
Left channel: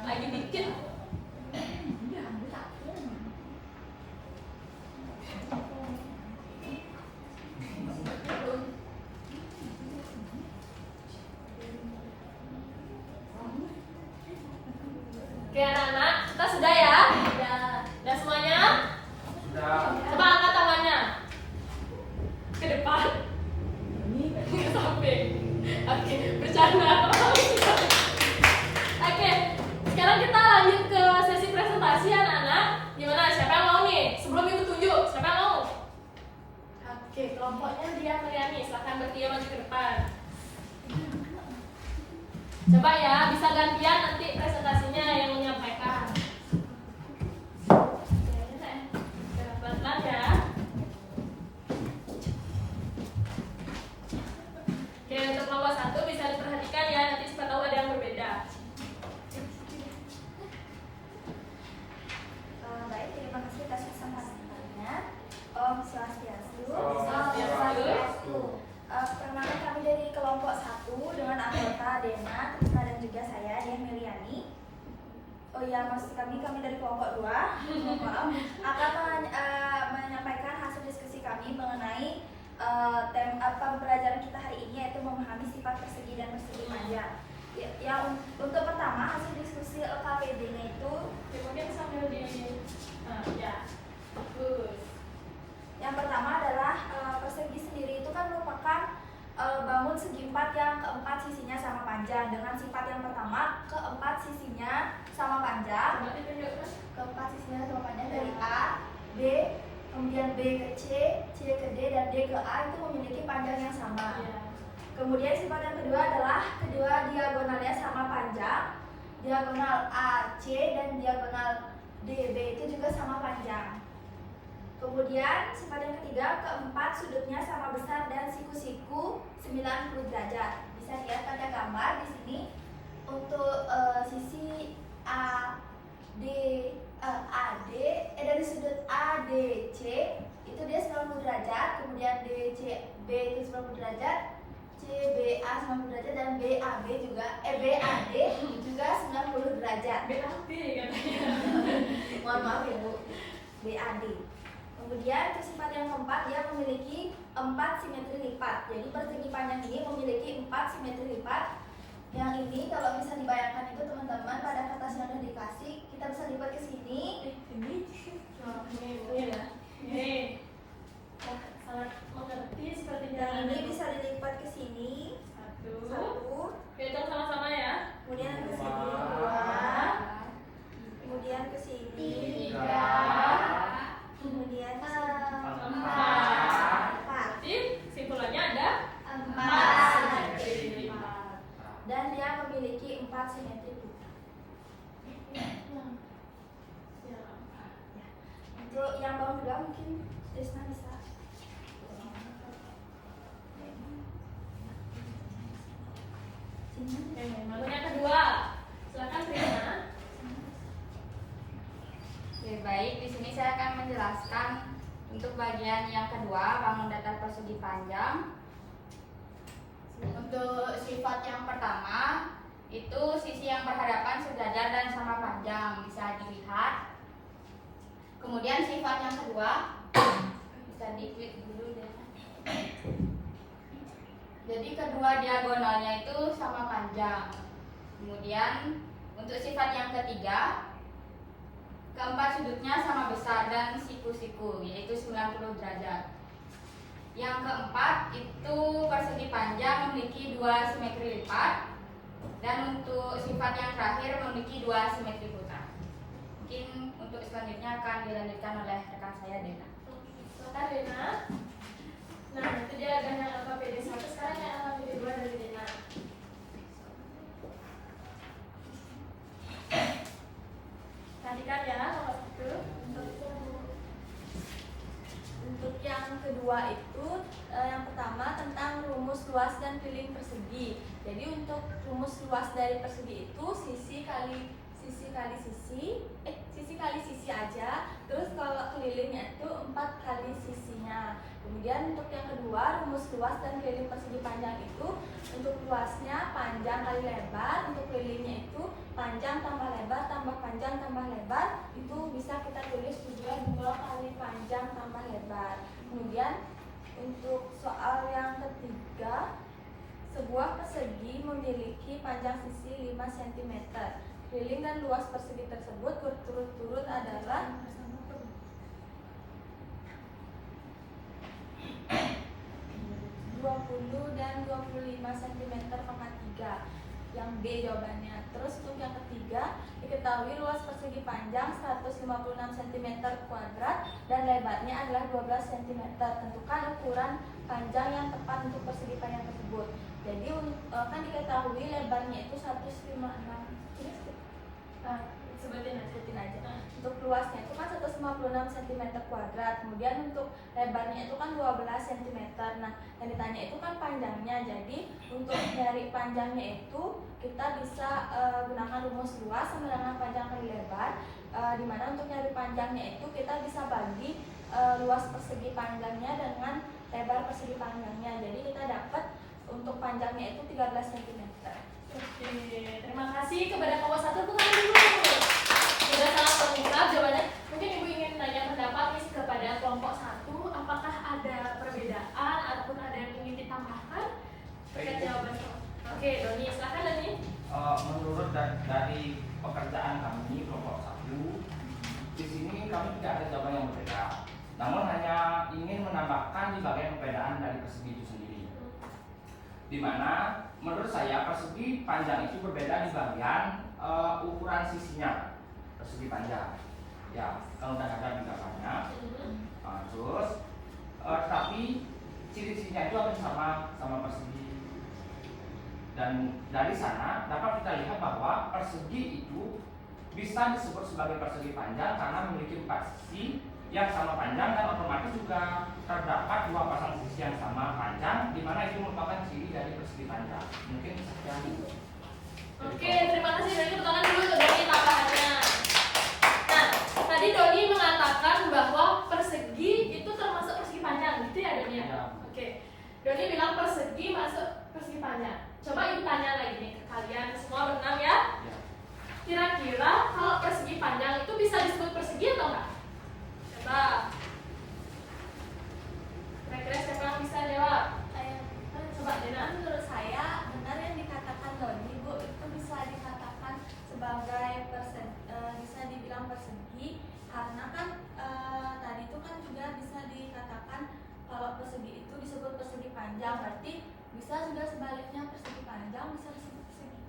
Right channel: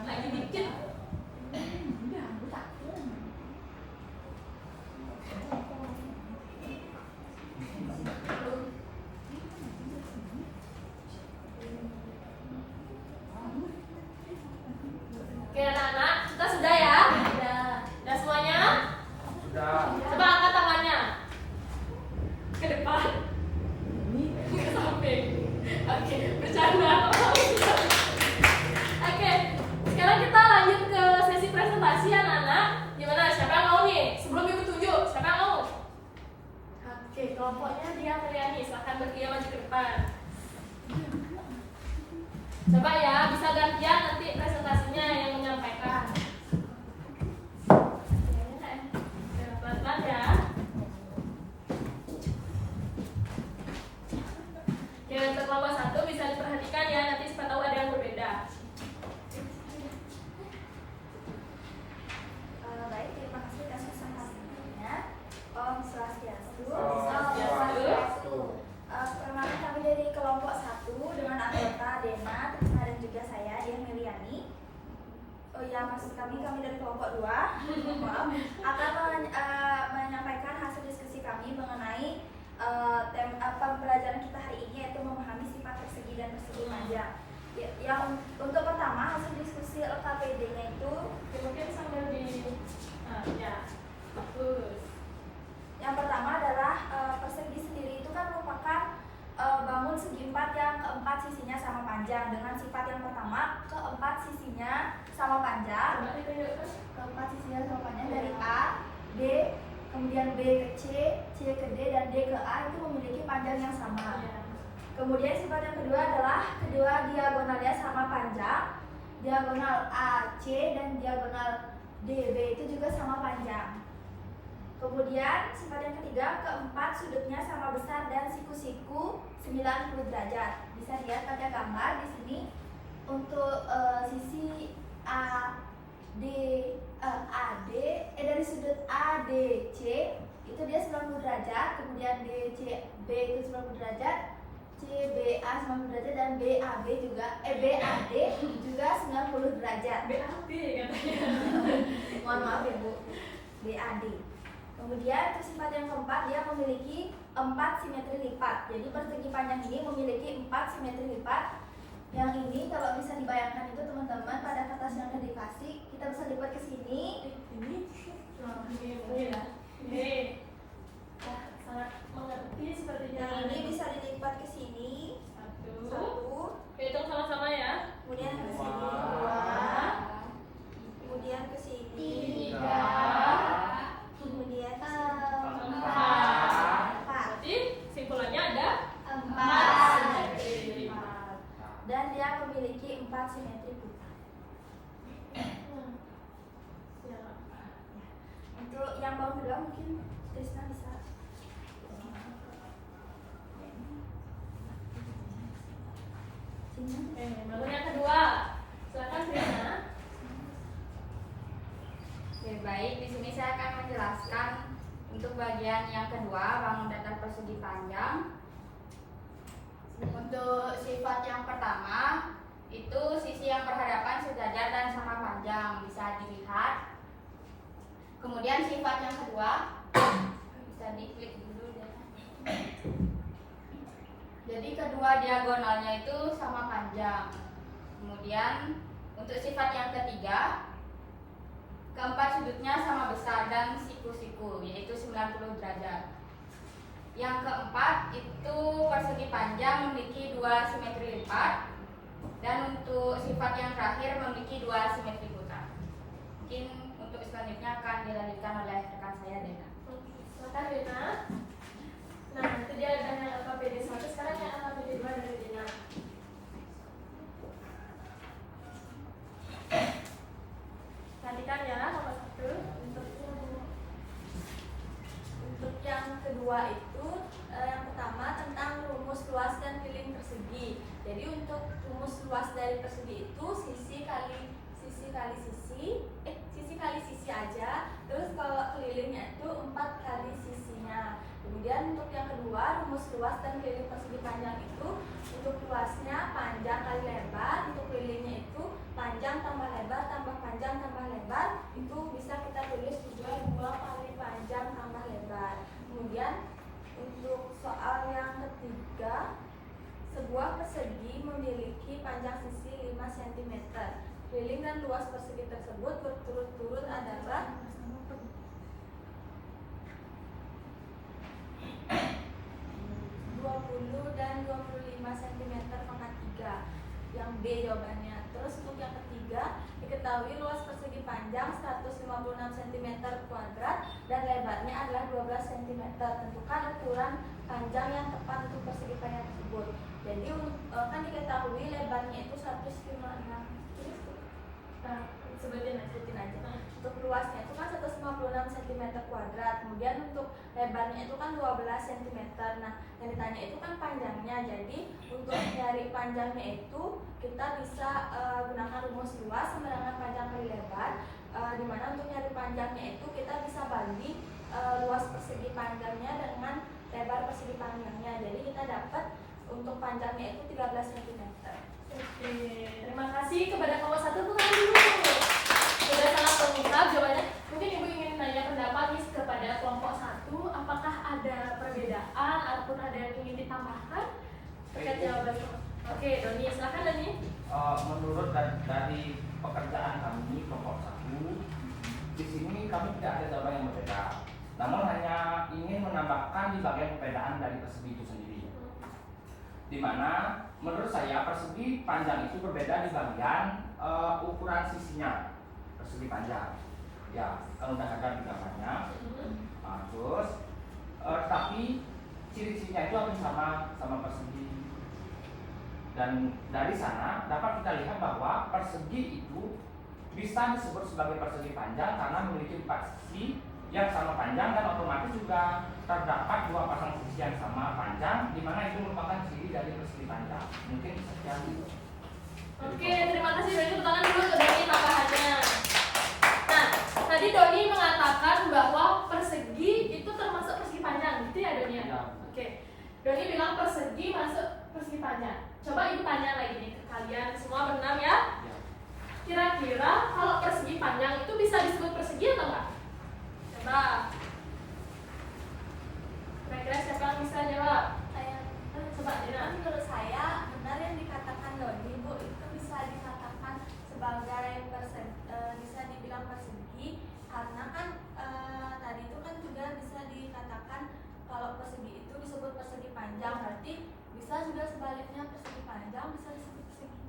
Lagi dikit. Oke anak-anak, kita sudah ya? Sudah semuanya? Sudah. Coba angkat tangannya ke depan. Ke samping. Oke, bercanda. Oke, sekarang kita lanjut ke sesi presentasi anak-anak. Gimana? Siapa yang mau nih? Sebelum ibu tunjuk, siapa yang mau? Oke, kelompoknya dia kalian nih. Silahkan berdiam maju ke depan. Coba ya, bisa gantian nanti presentasinya yang menyampaikan. Pelan-pelan ya. Oke, untuk kelompok 1 bisa diperhatikan ya, nanti siapa tahu ada yang berbeda. Baik, terima kasih atas kesempatannya. Om Swastiastu. Om Swastiastu. Perkenalkan kami dari kelompok 1 dengan anggota Dena, Trisna dan juga saya, Dian Meliani. Oh ya, maksud kami dari kelompok 2 maaf, akan menyampaikan hasil diskusi kami mengenai pembelajaran kita hari ini, yaitu memahami sifat persegi dan persegi panjang. Yang untuk pertama, hasil diskusi LKPD-nya itu Mungkin sambil di ya. Bagus. yang pertama adalah persegi sendiri itu kan merupakan bangun segi empat yang keempat sisinya sama panjang dengan sifat yang pertama keempat sisinya sama panjang. Coba ditunjukkan. Keempat sisinya sama panjang dari A, B, kemudian B ke C ke D dan D ke A itu memiliki panjang yang sama. Iya. Kemudian sifat yang kedua adalah kedua diagonalnya sama panjang. Diagonal AC dan diagonal DB itu juga sama panjang. Kemudian sifat yang ketiga, keempat sudutnya sama besar dan siku-siku 90 derajat. Bisa dilihat pada gambar di sini untuk sisi AD dari sudut ADC itu dia 90 derajat, kemudian DCB itu 90 derajat, CBA 90 derajat dan BAD juga juga 90 derajat. BAD katanya. Mohon maaf ya Bu. BAD. Kemudian untuk sifat yang keempat dia memiliki 4 simetri lipat. Jadi persegi panjang ini memiliki 4 simetri lipat. Yang ini kalau bisa dibayangkan itu teman-teman pada kertas yang sudah dikasih kita bisa lipat ke sini. Ini ya. Ini. Wah, sangat mengerti sepertinya. Yang ini bisa dilipat ke sini. Satu. 1. Hitung sama-sama ya. Kemudian ke sini Dua. 2. Kemudian ke sini 3. Kemudian ke sini 4. Berarti simpulannya ada 4. simetri. Dan dia memiliki 4 simetri pita. Untuk yang bawah kedua mungkin Trisna bisa. Bangun yang kedua. Silakan Trina. Oke, baik. Di sini saya akan menjelaskan untuk bagian yang kedua, bangun datar persegi panjang. Untuk sifat yang pertama, itu sisi yang berhadapan sejajar dan sama panjang, bisa dilihat. Kemudian sifat yang kedua, bisa diklik dulu deh. Jadi kedua diagonalnya itu sama panjang. Kemudian untuk sifat yang ketiga, keempat sudutnya sama besar dan siku-siku, yaitu 90 derajat. Yang keempat itu persegi panjang memiliki 2 simetri lipat. Dan untuk sifat yang terakhir memiliki 2 simetri putar. Mungkin untuk selanjutnya akan dilanjutkan oleh rekan saya Dena. Silakan Dena. Nah, itu dia dengan LKPD 1. Sekarang yang LKPD 2 dari Dena. Perhatikan ya, nomor 1. Untuk yang kedua itu yang pertama tentang rumus luas dan keliling persegi. Jadi untuk rumus luas dari persegi itu sisi kali sisi aja. Terus kalau kelilingnya itu 4 kali sisinya. Kemudian untuk yang kedua rumus luas dan keliling persegi panjang itu untuk luasnya panjang kali lebar, untuk kelilingnya itu panjang tambah lebar tambah panjang tambah lebar, itu bisa kita tulis juga 2 kali panjang tambah lebar. Kemudian untuk soal yang ketiga, sebuah persegi memiliki panjang sisi 5 cm. Keliling dan luas persegi tersebut berturut-turut adalah 20 dan 25 cm pangkat 3. Yang B jawabannya. Terus untuk yang ketiga, diketahui luas persegi panjang 156 cm kuadrat dan lebarnya adalah 12 cm. Tentukan ukuran panjang yang tepat untuk persegi panjang tersebut. Jadi kan diketahui lebarnya itu 156. Nah, sebutin aja. Untuk luasnya itu kan 156 cm kuadrat. Kemudian untuk lebarnya itu kan 12 cm. Nah, yang ditanya itu kan panjangnya. Jadi untuk nyari panjangnya itu kita bisa gunakan rumus luas sama dengan panjang kali lebar. Dimana untuk nyari panjangnya itu kita bisa bagi luas persegi panjangnya dengan lebar persegi panjangnya. Jadi kita dapat untuk panjangnya itu 13 cm. Oke, terima kasih kepada kelompok 1. Tepuk tangan dulu. Sudah sangat lengkap jawabannya. Mungkin Ibu ingin tanya pendapat nih kepada kelompok 1. Apakah ada perbedaan ataupun ada yang ingin ditambahkan terkait jawaban? Oke, Doni, silakan Doni. Menurut dari pekerjaan kami kelompok 1, di sini kami tidak ada jawaban yang berbeda. Namun hanya ingin menambahkan di bagian perbedaan dari persegi itu sendiri. Dimana menurut saya persegi panjang itu berbeda di bagian ukuran sisinya. Persegi panjang, ya kan udah ada di gambarnya. Terus tapi ciri-cirinya itu hampir sama persegi. Dan dari sana dapat kita lihat bahwa persegi itu bisa disebut sebagai persegi panjang karena memiliki 4 sisi yang sama panjang, dan otomatis juga terdapat 2 pasang sisi yang sama panjang, di mana itu merupakan ciri dari persegi panjang. Mungkin sekian dulu. Oke, terima kasih Doni. Tepuk tangan dulu untuk Doni tambahannya. Nah, tadi Doni mengatakan bahwa persegi itu termasuk persegi panjang, gitu ya Doni ya? Ya. Oke, Doni bilang persegi masuk persegi panjang. Coba ibu tanya lagi nih ke kalian semua berenam ya. Ya. Kira-kira kalau persegi panjang itu bisa disebut persegi atau enggak? Coba. Kira-kira siapa yang bisa jawab? Coba Dina. Menurut saya benar yang dikatakan Doni, Bu, itu bisa dikatakan sebagai bisa dibilang persegi, karena kan tadi itu kan juga bisa dikatakan kalau persegi itu disebut persegi panjang, berarti bisa juga sebaliknya persegi panjang bisa disebut persegi.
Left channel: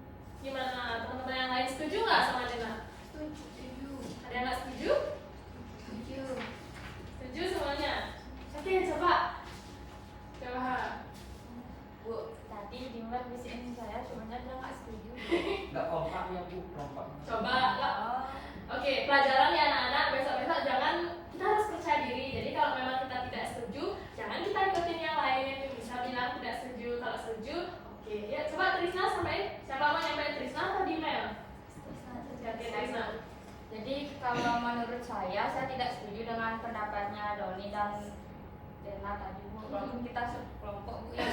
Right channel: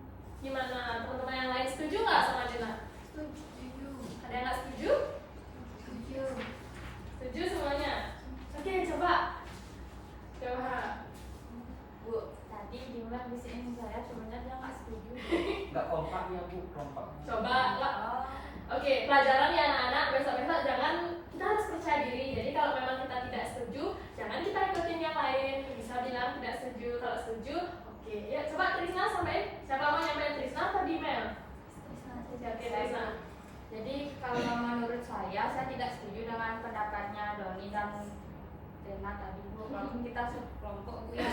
Gimana teman-teman yang lain, setuju nggak sama Dina? Setuju. Ada yang nggak setuju? Setuju. Setuju semuanya? Oke, coba. Bu, tadi Dimlan bisikin saya, sebenarnya dia nggak setuju. Nggak kompak ya Bu, kompak. Coba. Oke, pelajaran ya anak-anak, besok-besok jangan, kita harus percaya diri. Jadi kalau memang kita tidak setuju, jangan kita ikutin yang lain. Bisa bilang tidak setuju, kalau setuju, oke. Ya, coba Trisna sampaikan. Siapa mau nyampein, Trisna atau Dimel? Oke, Trisna. Jadi kalau menurut saya tidak setuju dengan pendapatnya Doni dan Dena tadi, Bu. Walaupun kita sekelompok, Bu, ya.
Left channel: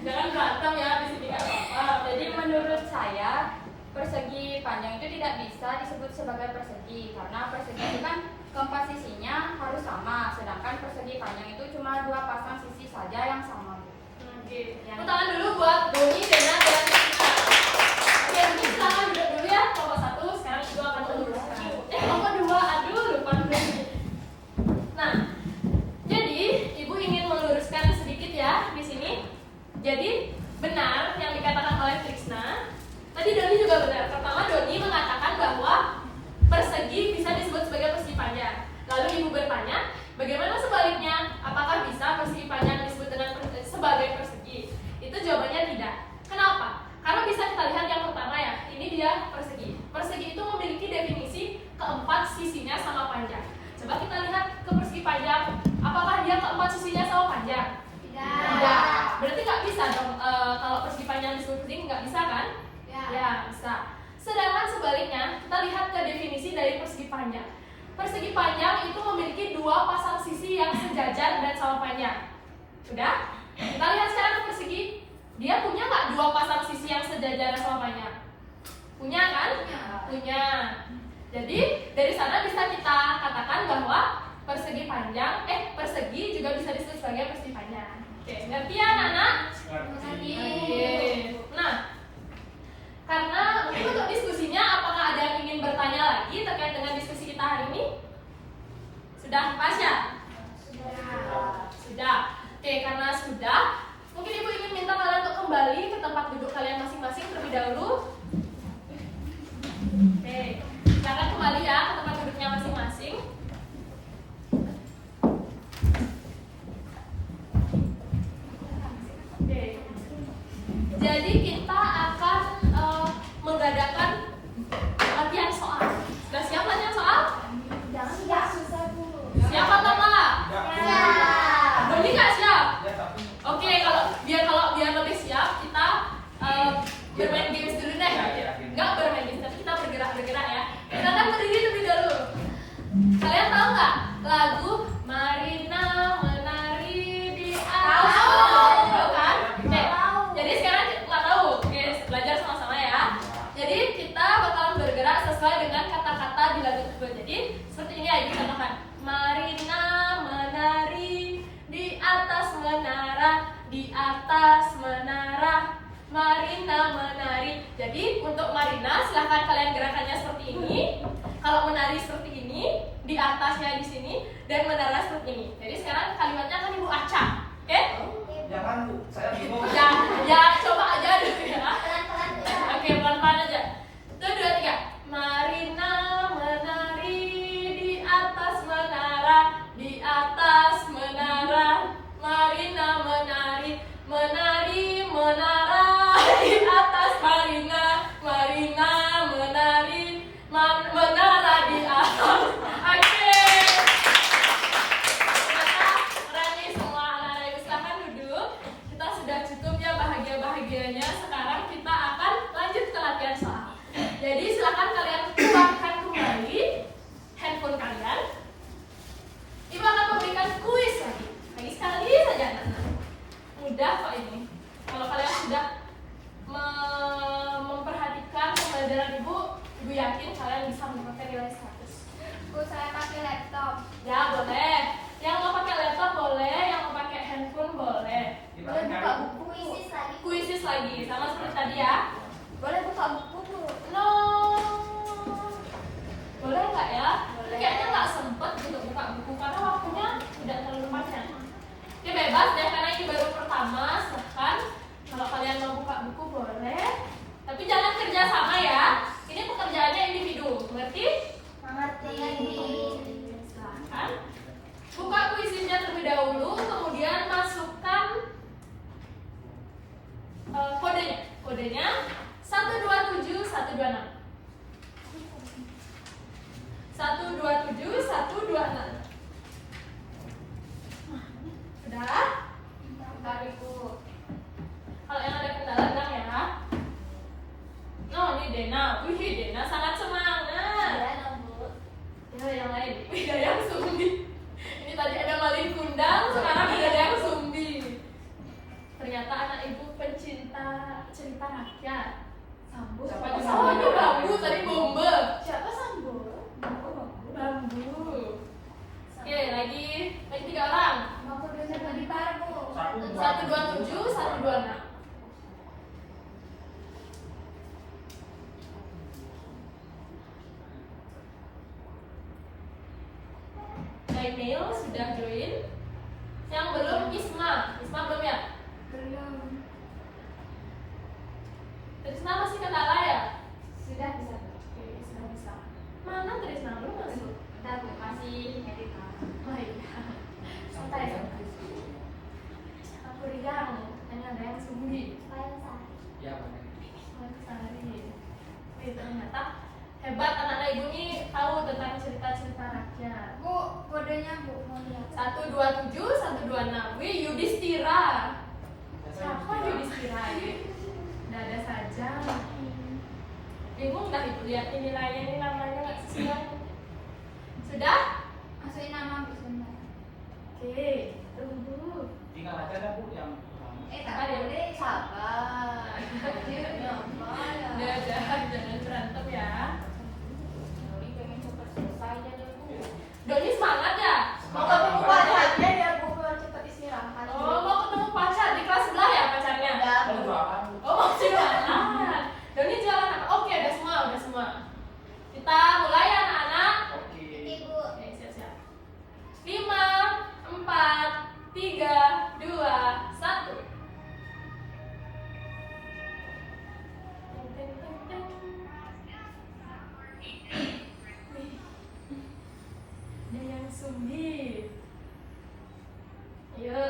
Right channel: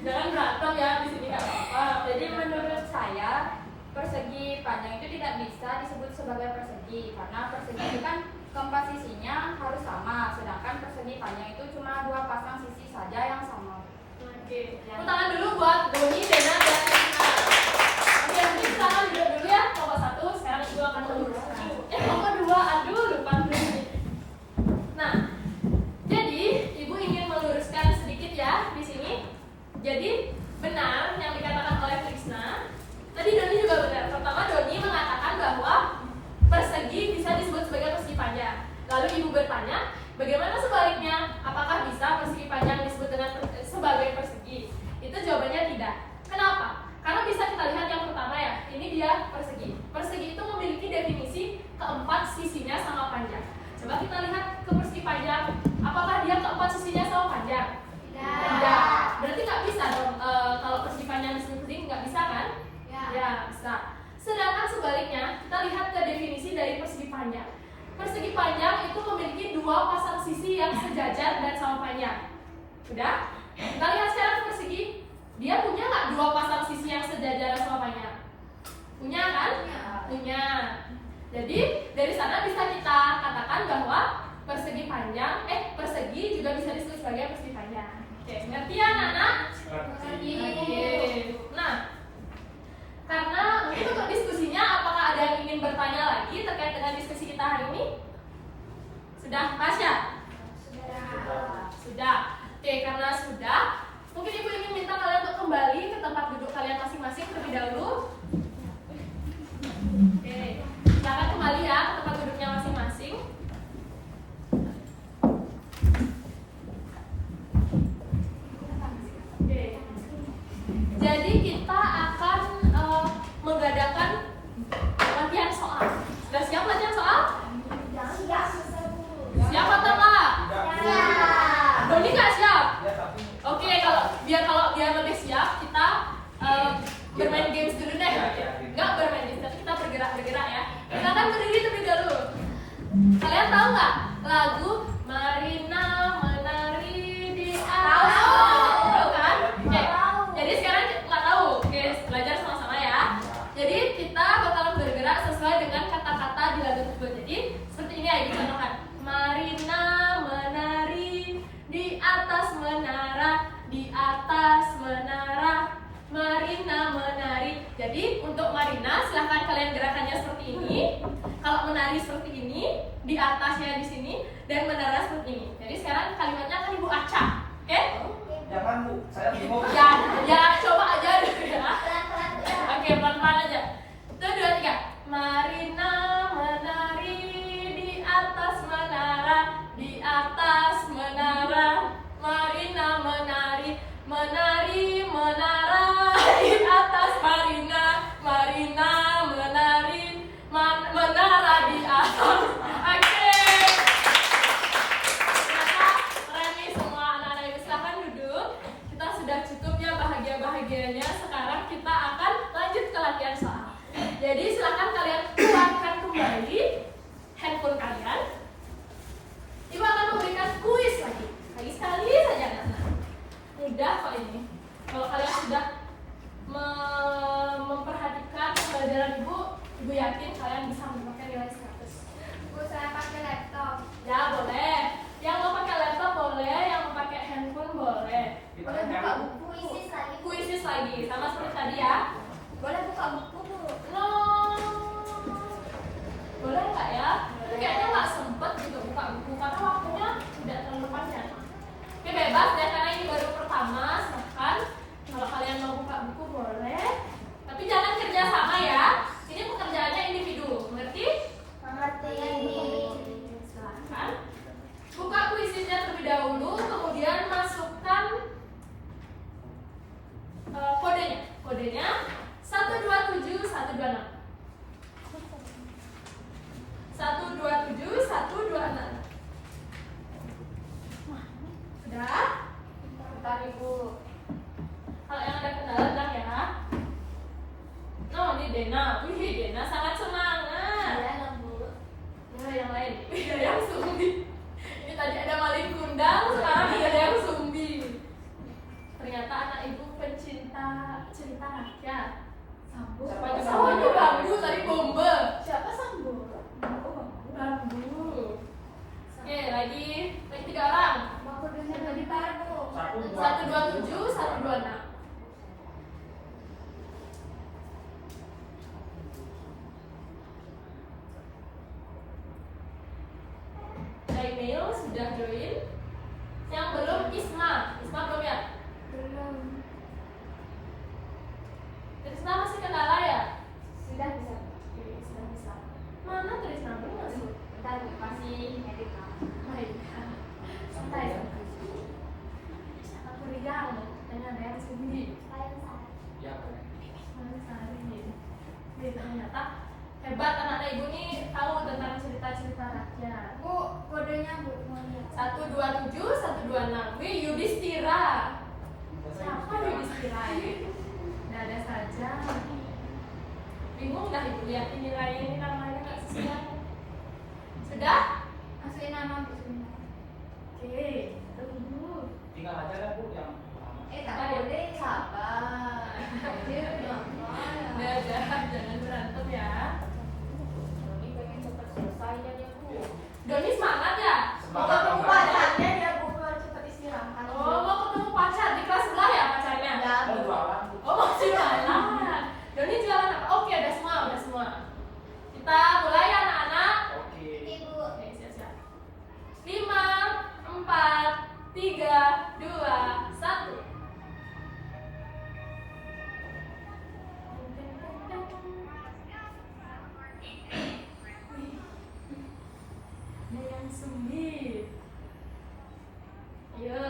Jangan berantem ya di sini, nggak apa-apa. Jadi menurut saya persegi panjang itu tidak bisa disebut sebagai persegi, karena persegi itu kan keempat sisinya harus sama, sedangkan persegi panjang itu cuma 2 pasang sisi saja yang sama. Oke, tepuk tangan dulu buat Doni, Dena, dan Trisna. Oke, mungkin silakan duduk dulu ya, kelompok 1. Sekarang ibu akan meluruskan. Kelompok 2, aduh lupa dulu. Nah, jadi ibu ingin meluruskan sedikit ya di sini. Jadi benar yang dikatakan oleh Trisna. Tadi Doni juga benar. Pertama Doni mengatakan bahwa persegi bisa disebut sebagai persegi panjang. Lalu ibu bertanya, bagaimana sebaliknya? Apakah bisa persegi panjang disebut dengan sebagai persegi? Itu jawabannya tidak. Kenapa? Karena bisa kita lihat yang pertama ya. Ini dia persegi. Persegi itu memiliki definisi keempat sisinya sama panjang. Coba kita lihat ke persegi panjang. Apakah dia keempat sisinya sama panjang? Tidak. Berarti nggak bisa dong. Kalau persegi panjang disebut persegi nggak bisa kan? Ya, bisa. Sedangkan sebaliknya, kita lihat ke definisi dari persegi panjang. Persegi panjang itu memiliki 2 pasang sisi yang sejajar dan sama panjang. Sudah? Kita lihat sekarang ke persegi. Dia punya nggak 2 pasang sisi yang sejajar dan sama panjang? Punya kan? Punya. Jadi dari sana bisa kita katakan bahwa persegi panjang, persegi juga bisa disebut sebagai persegi panjang. Oke, ngerti ya anak-anak? Ngerti. Oke. Nah, karena mungkin untuk diskusinya, apakah ada yang ingin bertanya lagi terkait dengan diskusi kita hari ini? Sudah pas ya? Sudah. Oke, karena sudah, mungkin ibu ingin minta kalian untuk kembali ke tempat duduk kalian masing-masing terlebih dahulu. Oke, silakan kembali ya ke tempat duduknya masing-masing. Oke. Jadi kita akan mengadakan latihan soal. Sudah siap latihan soal? Siap atau enggak? Doni nggak siap? Oke, kalau biar lebih siap, kita bermain games dulu deh. Enggak bermain games, tapi kita bergerak ya. Kita akan berdiri terlebih dahulu. Kalian tahu nggak lagu Marina menari di atas? Tahu kan? Oke. Jadi sekarang nggak tahu. Oke, belajar sama-sama ya. Jadi kita bakalan bergerak sesuai dengan kata-kata di lagu tersebut. Jadi seperti ini ya, dicontohkan. Marina menari di atas menara, di atas menara. Marina menari. Jadi untuk Marina silahkan kalian gerakannya seperti ini. Kalau menari seperti ini, di atasnya di sini, dan menara seperti ini. Jadi sekarang kalimatnya akan ibu acak, oke? Jangan Bu, saya bingung. Ya, ya coba aja dulu ya. Pelan-pelan ya. Oke, pelan-pelan aja. 1, 2, 3. Marina menari di atas menara, di atas menara. Marina menari, menari menara di atas Marina. Marina menari, menara di atas. Oke. Ternyata keren nih semua anak-anak ibu, silahkan duduk. Kita sudah cukup ya bahagia-bahagianya. Sekarang kita akan lanjut ke latihan soal. Jadi silakan kalian keluarkan kembali handphone kalian. Ibu akan memberikan kuis lagi. Lagi sekali saja anak-anak. Mudah kok ini. Kalau kalian sudah memperhatikan pembelajaran ibu yakin kalian bisa mendapatkan nilai 100. Bu, saya pakai laptop. Ya boleh. Yang mau pakai laptop boleh, yang mau pakai handphone boleh. Kita Boleh buka nyari. buku kuisis lagi. Kuisis lagi, sama seperti tadi ya. Boleh buka buku tuh. No. Boleh nggak ya? Boleh. Kayaknya nggak sempet gitu buka buku karena waktunya tidak terlalu panjang. Oke, bebas ya karena ini baru pertama. Silahkan kalau kalian mau buka buku boleh. Tapi jangan kerja sama ya. Ini pekerjaannya individu, mengerti? Mengerti. Silahkan buka kuisisnya terlebih dahulu, kemudian masukkan kodenya. Kodenya 127 126. 127 126. Sudah? Bentar Ibu. Kalau yang ada kendala bilang ya. No, ini Dena. Wih, Dena sangat semangat. Ya, Bu. Ya, yang lain. Wih, ada yang sumbi. Ini tadi ada maling kundang, sekarang ada yang sumbi. Ternyata anak ibu pencinta cerita rakyat. Sambu. Siapa Oh, Sambu? itu Bambu tadi bombe. Siapa Sambu? Bambu. Oke, lagi 3 orang. Mau kodenya bentar, Bu. 127 126. Nail sudah join. Yang belum Isma belum ya? Belum. Trisna masih kendala ya? Sudah bisa. Oke, sudah bisa. Mana Trisna belum masuk? Bentar Bu, masih edit kamu. Baik. Santai ya. Aku Rijang, tanya ada yang sumbi. Ya, boleh. Sari. Wih, ternyata hebat anak-anak ibu ini tahu tentang cerita-cerita rakyat. Bu, kodenya Bu mau lihat. 127 126. Wih, Yudhistira. Siapa Yudhistira ini? Dada saja. Bingung dah ibu lihat ini nilainya ini namanya nggak sesuai. Sudah? Masukin nama Bu sebentar. Oke, tunggu. Tinggal aja kan Bu yang pertama. Tak boleh, sabar. Dadah, jangan berantem ya. Doni pengen cepat selesai aja deh Bu. Doni semangat ya? Mau ketemu pacarnya ya Bu, biar cepat istirahat. Oh, mau ketemu pacar di kelas sebelah ya pacarnya? Ya. Oh, jualan Bu. Oh, mau jualan. Doni jualan apa? Oke, udah semua. Kita mulai anak-anak. Oke. Ibu. Oke, siap-siap. 5, 4, 3, 2, 1. Ada yang sumbi. Ayo.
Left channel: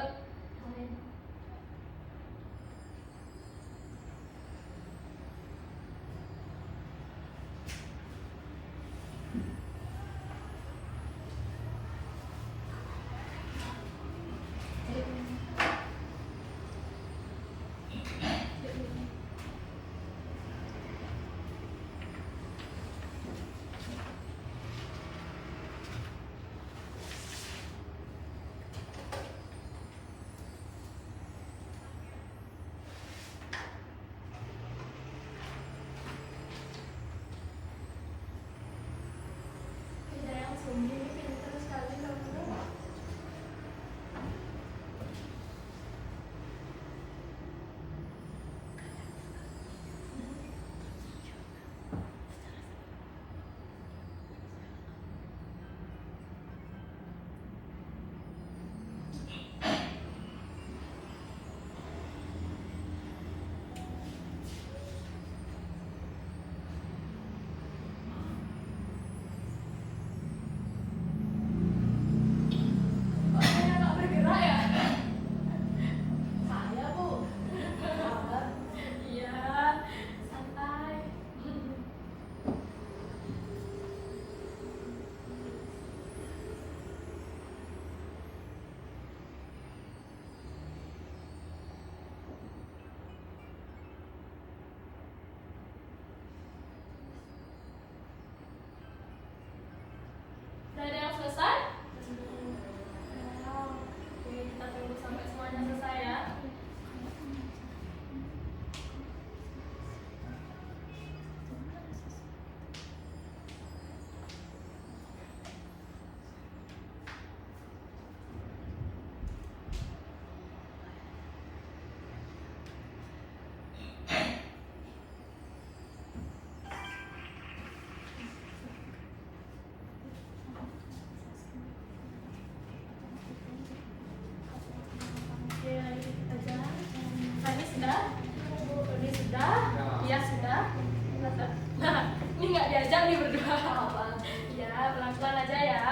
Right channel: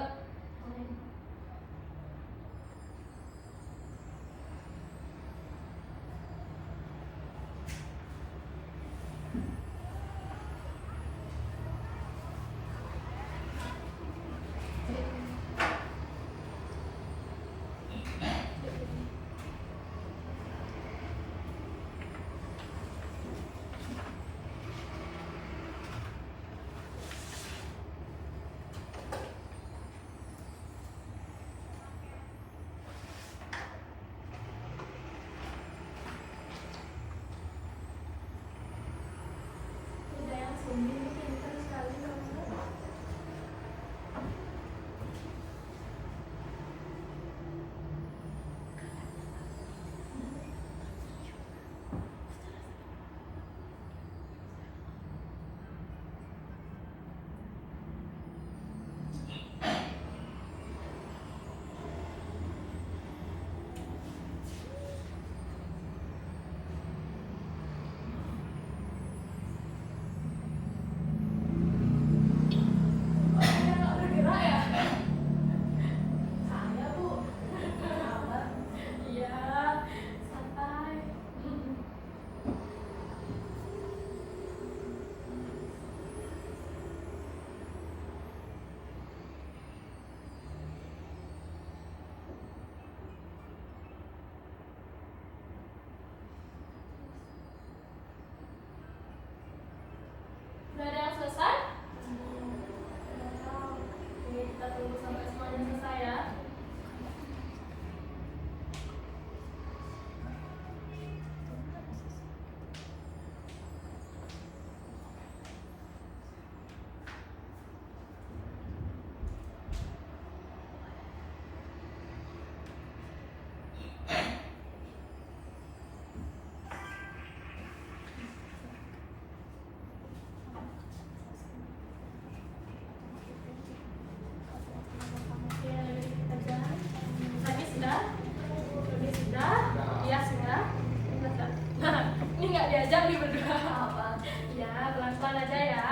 pelan-pelan aja ya.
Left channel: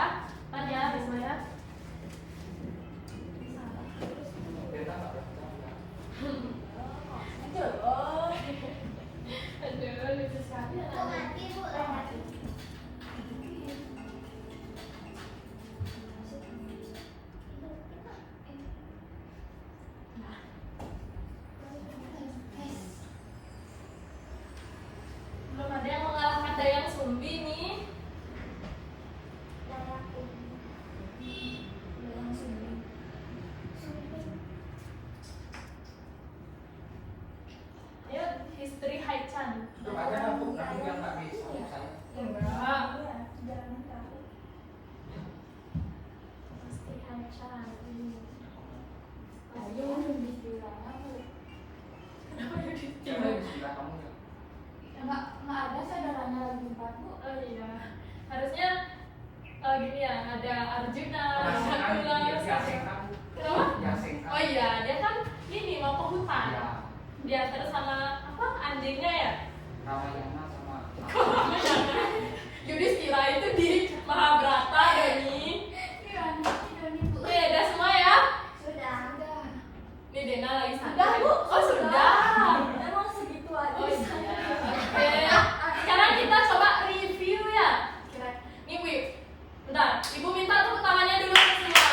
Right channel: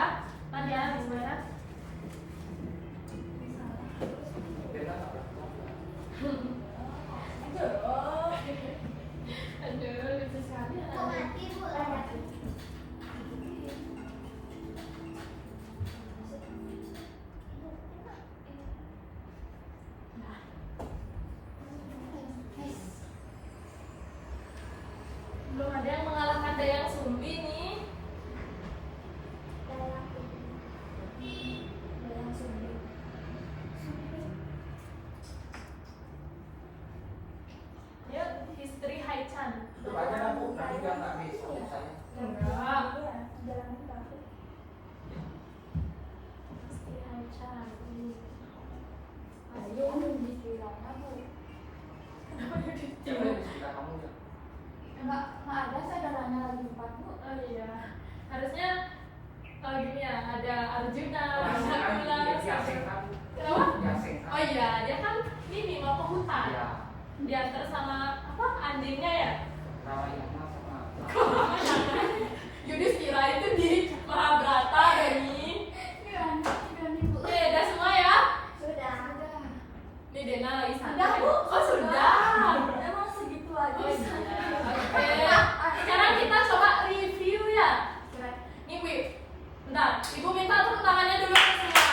Pelan ya, Bisma ya. Aduh, lucu sekali anak-anak. Belum ada yang mengalahkan Dayang Sumbi nih. Yuk, history Haichan. Itu aja kan Bu, nanti biar nggak bisa saya. Enggak. Jalanin ke aku. History Haichan. Ayo dikiranya Bu. Kenapa jadi Coba tidur? di sebelah kamu ya. Enggak ada saudaranya lagi 4 Bu. Oh iya, harusnya gini ya, ada Arjuna, Kan Nakula, dia sengkang. kenapa? Dia sengkang. Oh iya, dia kan ini mau ke hutan. Iya. Diantar sama apa? Andingnya ya. Ramayana sama Yudhistira itu di Mahabharata, Doni. Udah semua ya? Sudah. Nih Dena lagi santai. Sudah, Bu. Oh sudah. Emang segitu aja. Oh iya. Oke. Sekarang kita coba review ya. Nih Wi, bentar. Ibu minta tepuk tangannya dulu semua.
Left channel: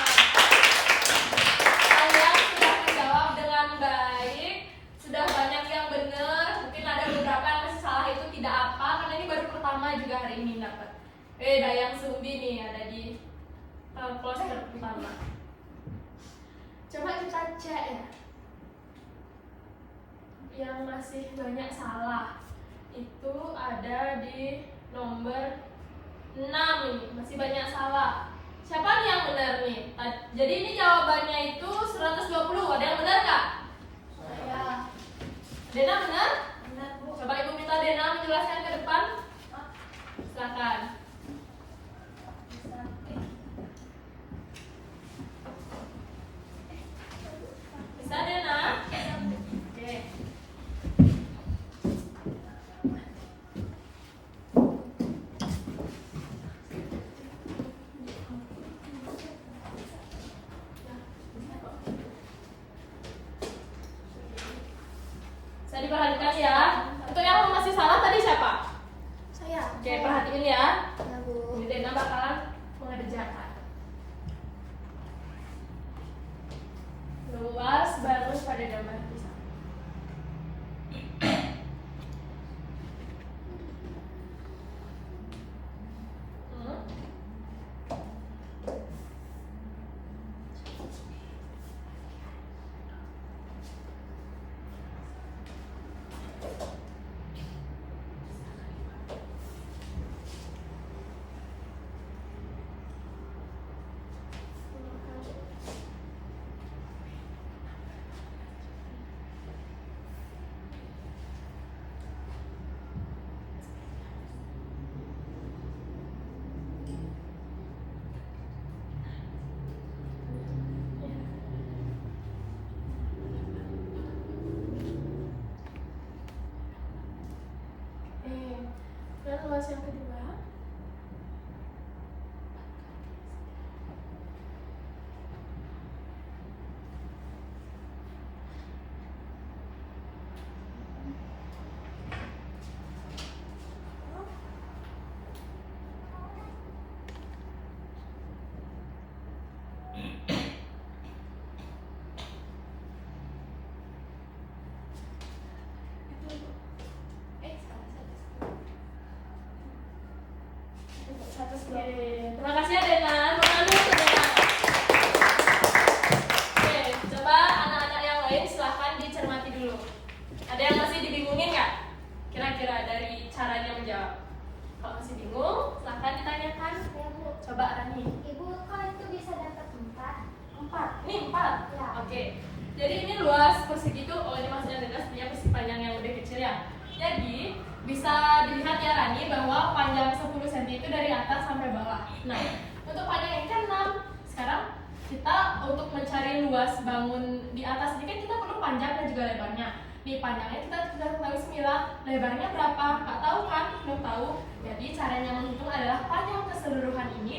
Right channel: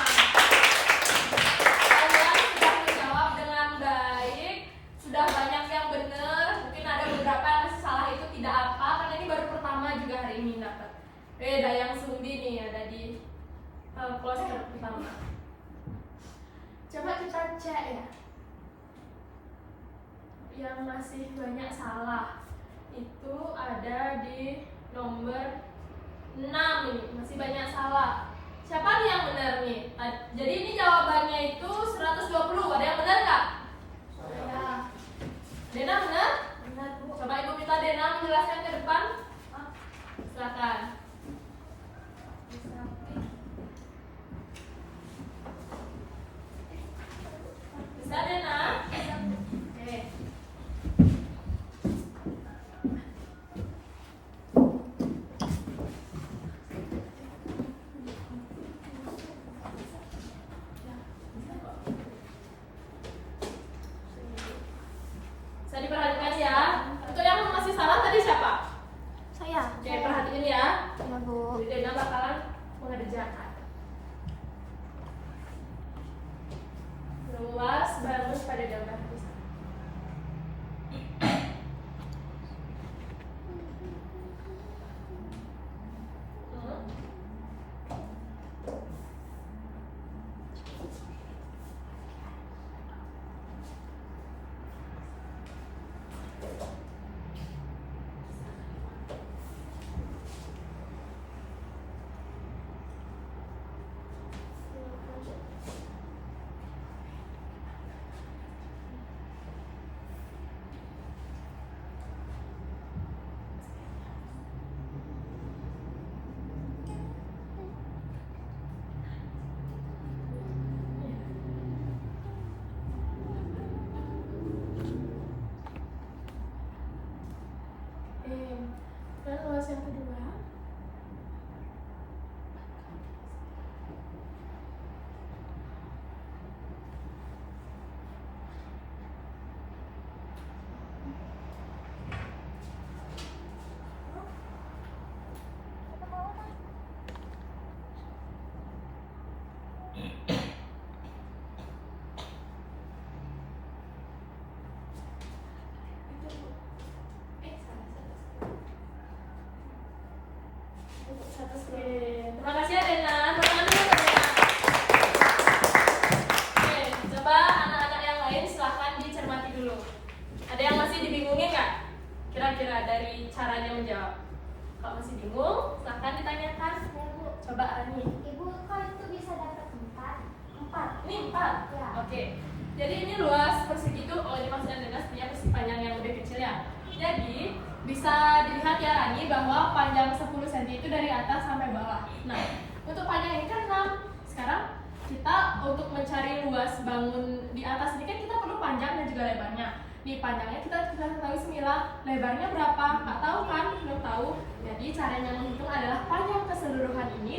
Kalian sudah menjawab dengan baik. Sudah banyak yang benar. Mungkin ada beberapa yang masih salah, itu tidak apa. Karena ini baru pertama juga hari ini dapat. Dayang Sumbi nih ada di kloter pertama. Coba kita cek ya. Yang masih banyak salah itu ada di nomor 6 nih, masih banyak salah. Siapa nih yang benar nih? Jadi ini jawabannya itu 120. Ada yang benar nggak? Saya. Dena benar? Benar, Bu. Coba Ibu minta Dena menjelaskan ke depan. Silakan. Bisa Dena? Oke. Saya diperhatikan ya. Untuk yang masih salah tadi siapa? Saya. Oke, perhatiin ya. Ya, Bu. Jadi Dena bakalan mengerjakan. Luas bagus pada gambar pisang. Dan luas yang kedua. Oke, terima kasih ya Dena. Bagaimana dulu Dena? Oke, coba anak-anak yang lain silahkan dicermati dulu. Ada yang masih dibingungin nggak? Kira-kira dari caranya menjawab. Kalau masih bingung, silahkan ditanyakan. Ya, Bu. Coba Rani. Ibu kok itu bisa dapat 4? 4. Ini 4. Ya. Oke. Jadi ini luas persegi itu, oh ini maksudnya Dena punya persegi panjang yang lebih kecil ya. Jadi bisa dilihat ya Rani bahwa panjang 10 cm itu dari atas sampai bawah. Nah, untuk panjang ini kan 6. Sekarang kita untuk mencari luas bangun di atas ini kan kita perlu panjang dan juga lebarnya. Nih panjangnya kita sudah tahu 9, lebarnya berapa? Nggak tahu kan? Belum tahu. Jadi caranya menghitung adalah panjang keseluruhan ini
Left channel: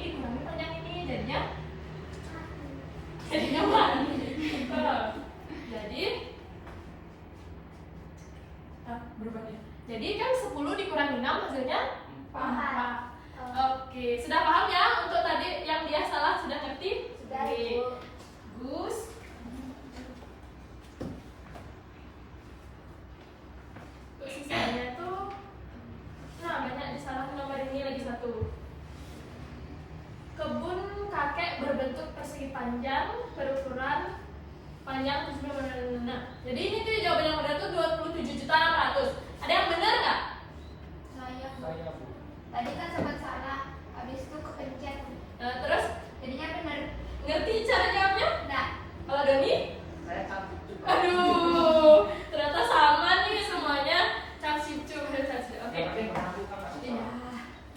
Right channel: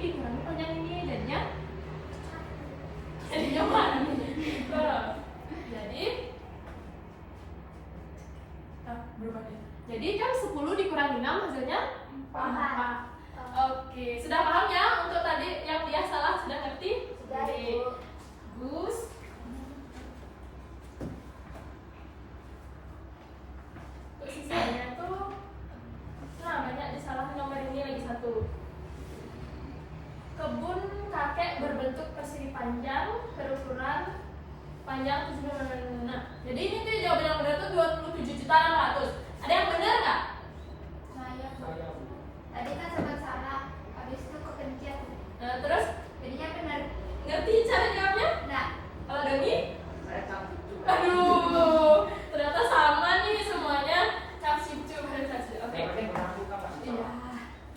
kurang 6 hasilnya Empat. Oke, sudah paham ya untuk tadi yang dia salah sudah ngerti? Sudah, Oke. Ibu. Gus. Untuk sisanya itu banyak disalahin nomor ini lagi satu. Kebun kakek berbentuk persegi panjang berukuran panjang 7 Nah, jadi ini tuh jawaban yang benar tuh 27.600.000. Ada yang benar nggak? Saya Bu. Tadi kan sempat salah, habis itu kepencet. Nah, terus Jadinya benar. ngerti cara jawabnya? Nah, Kalau Doni? Saya cantik juga. Aduh, ternyata sama nih semuanya. Capsicu, oke. Yang penting benar bukan Pak. Iya.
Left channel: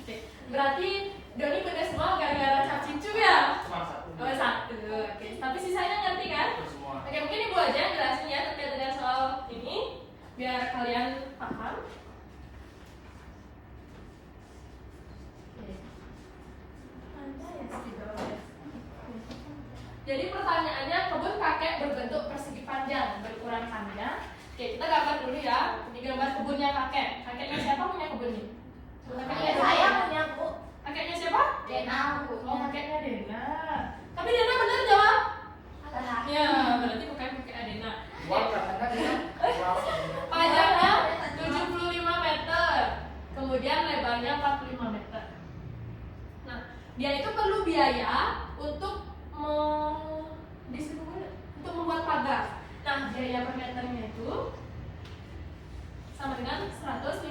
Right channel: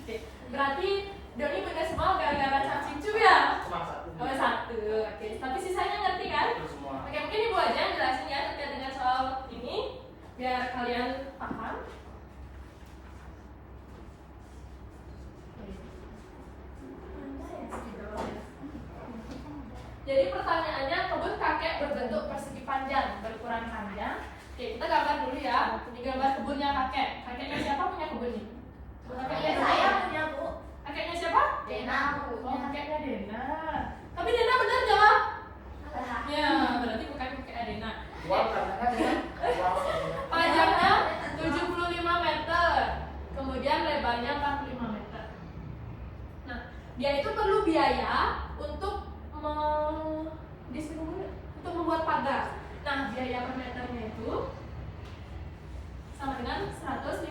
Oke. Berarti Doni benar semua gara-gara capsicu ya? Cuma satu. Oh, satu. Oke. Tapi sisanya ngerti kan? Itu semua. Oke, mungkin Ibu aja yang jelasin ya terkait dengan soal ini biar kalian paham. Jadi pertanyaannya kebun kakek berbentuk persegi panjang, berukuran panjang. Oke, kita gambar dulu ya. Ini gambar kebunnya kakek. Kakeknya siapa punya kebun ini? Kakeknya Saya punya, Bu. Kakeknya siapa? Dena. Oh, kakeknya Dena. Tapi Dena benar jawab. Salah. Ya, berarti bukan kakek Dena. Uang katanya dia. Uang. Panjangnya 75 meter, kemudian lebarnya 45 meter. Nah, dia itu perlu biaya untuk untuk membuat pagar. Nah, biaya per meternya itu sama dengan 115.000.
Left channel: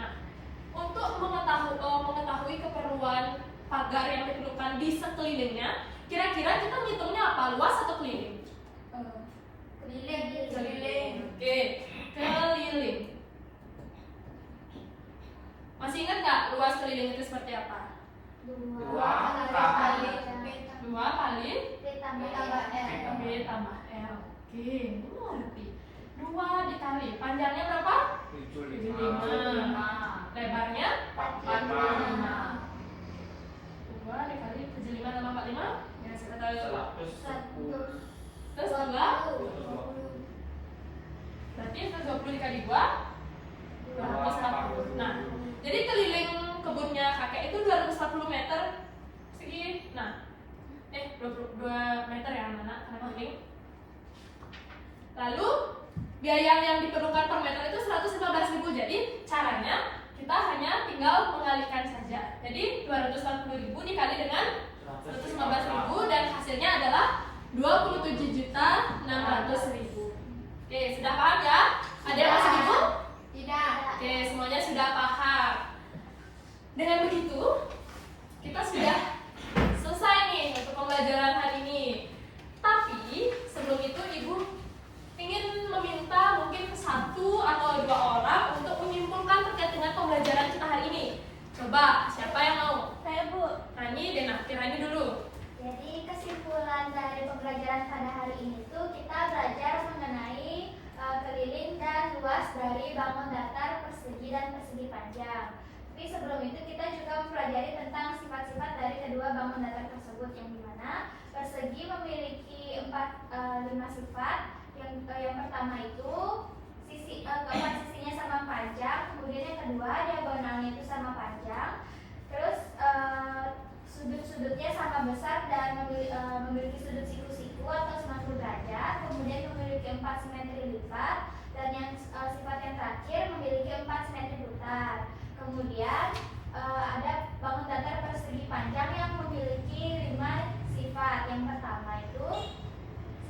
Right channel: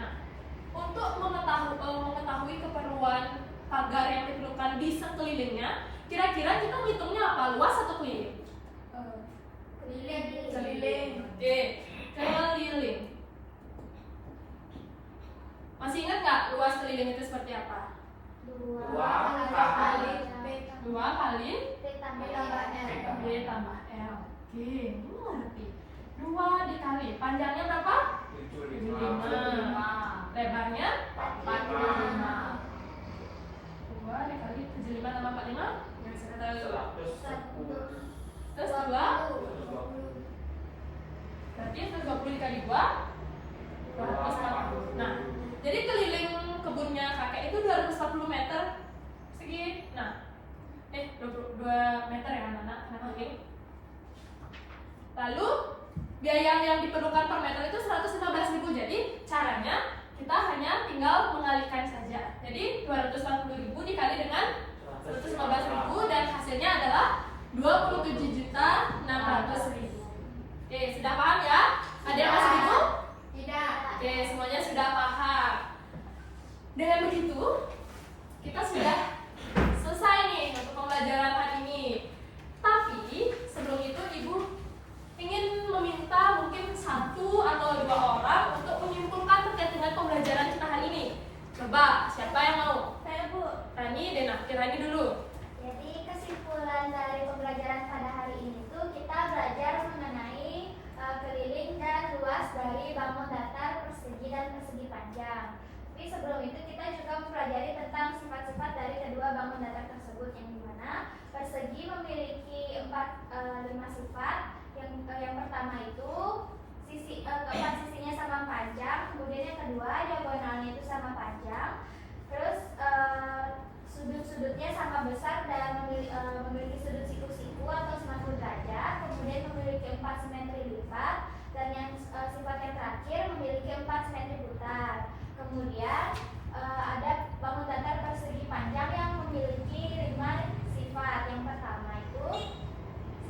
Nah, untuk mengetahui keperluan pagar yang diperlukan di sekelilingnya, kira-kira kita ngitungnya apa? Luas atau keliling? Keliling. Oke, keliling. Masih ingat nggak luas keliling itu seperti apa? Dua kali B B tambah L. B tambah L. Oke, ngerti. 2 dikali panjangnya berapa? 75. Lebarnya 45. 2 dikali 75 tambah 45 ya sekitar. Terus 2 berarti 120 dikali 2 240. Nah, jadi keliling kebunnya kakek itu 240 meter segi. Nah, 22 meter ya anak-anak, kenapa keliling? Lalu biaya yang diperlukan per meter itu 115.000. Jadi caranya kita hanya tinggal mengalihkan saja. Jadi 240.000 dikali dengan 115.000 dan hasilnya adalah 27.600.000. Oke, sudah paham ya? Ada yang masih bingung? tidak. Oke, semuanya sudah paham. Dengan begitu, kita sudah selesai nih untuk pembelajaran hari ini. Tapi sebelum itu Ibu ingin meminta mungkin 1 atau 2 orang untuk menyimpulkan terkait dengan pembelajaran kita hari ini. Coba, siapa yang mau? Saya, Bu. Rani, Dena, Rani dulu. Jadi kesimpulan dari pembelajaran pada hari ini tuh kita belajar mengenai keliling dan luas dari bangun datar, persegi dan persegi panjang. Tapi sebelum itu kita juga mempelajari tentang sifat-sifat dari kedua bangun datar tersebut, yang dimana persegi memiliki 5 sifat. Yang pertama itu keempat sisinya sama panjang, kemudian yang kedua diagonalnya itu sama panjang, terus sudut-sudutnya sama besar dan memiliki sudut siku-siku atau 90 derajat, kemudian memiliki 4 simetri lipat, dan yang sifat yang terakhir memiliki 4 simetri putar. Kemudian ada bangun datar persegi panjang yang memiliki 5 sifat. Yang pertama itu